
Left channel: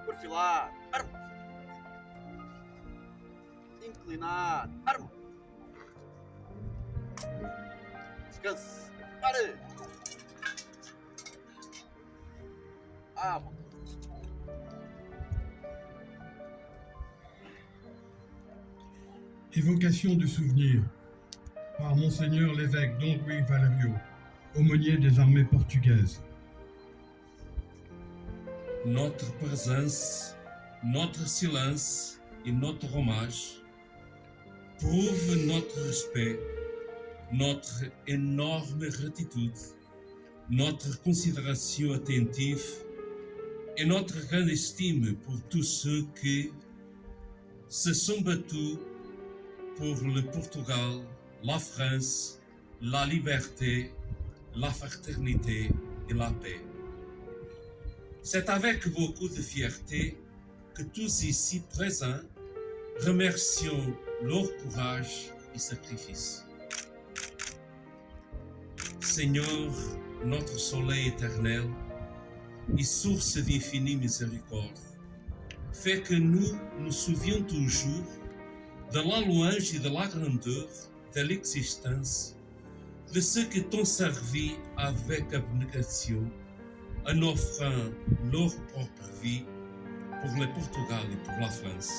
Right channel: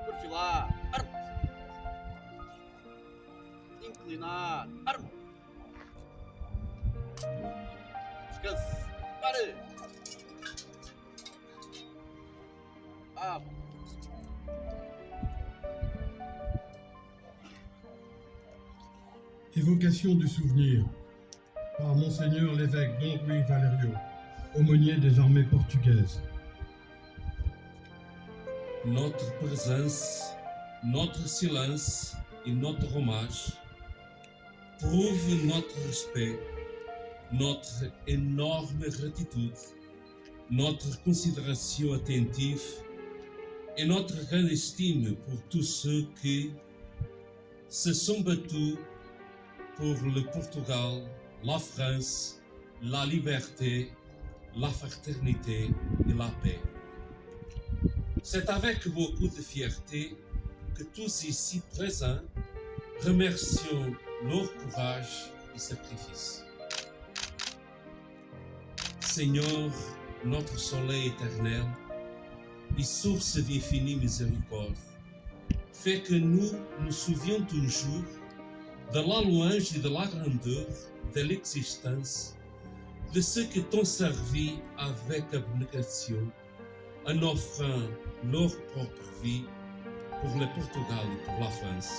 Perfilar, arma. Inclinar, arma. Descanse, pare. Vamos. Évocation du souvenir par Monseigneur l'évêque Don Louis Valerio, aumônier des armées portugaises. Notre présence, notre silence et notre hommage prouvent notre respect, notre énorme gratitude, notre considération attentive et notre grande estime pour tous ceux qui se sont battus pour le Portugal, la France, la liberté, la fraternité et la paix. C'est avec beaucoup de fierté que tous ici présents remercions leur courage et sacrifice. Seigneur, notre soleil éternel et source d'infinie miséricorde, fais que nous nous souvions toujours de la louange et de la grandeur de l'existence de ceux qui t'ont servi avec abnégation en offrant leur propre vie pour le Portugal et pour la France.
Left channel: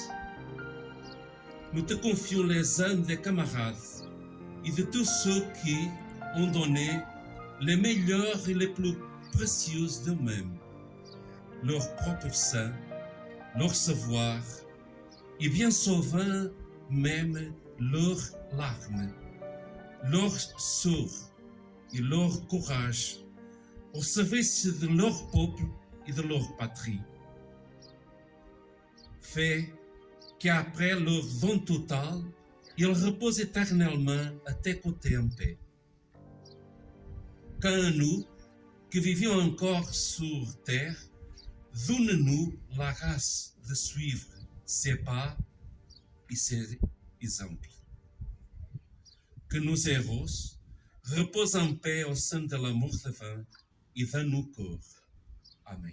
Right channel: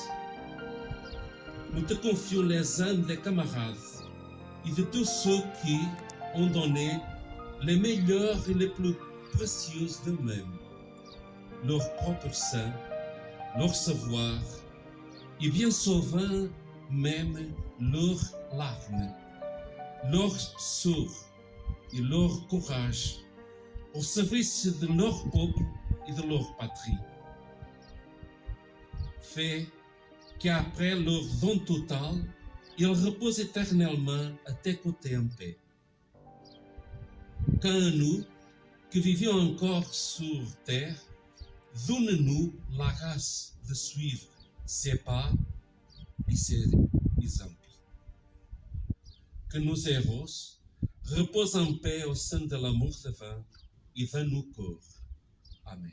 Nous te confions les âmes des camarades et de tous ceux qui ont donné les meilleurs et les plus précieux d'eux-mêmes, leur propre sang, leur savoir et bien souvent même leurs larmes, leur sort et leur courage au service de leur peuple et de leur patrie. Fais qu'après leur don total, ils reposent éternellement à tes côtés en paix. Quant à nous, qui vivions encore sur terre, donne-nous la grâce de suivre ses pas et ses exemples. Que nos héros reposent en paix au sein de l'amour divin et dans nos corps. Amen.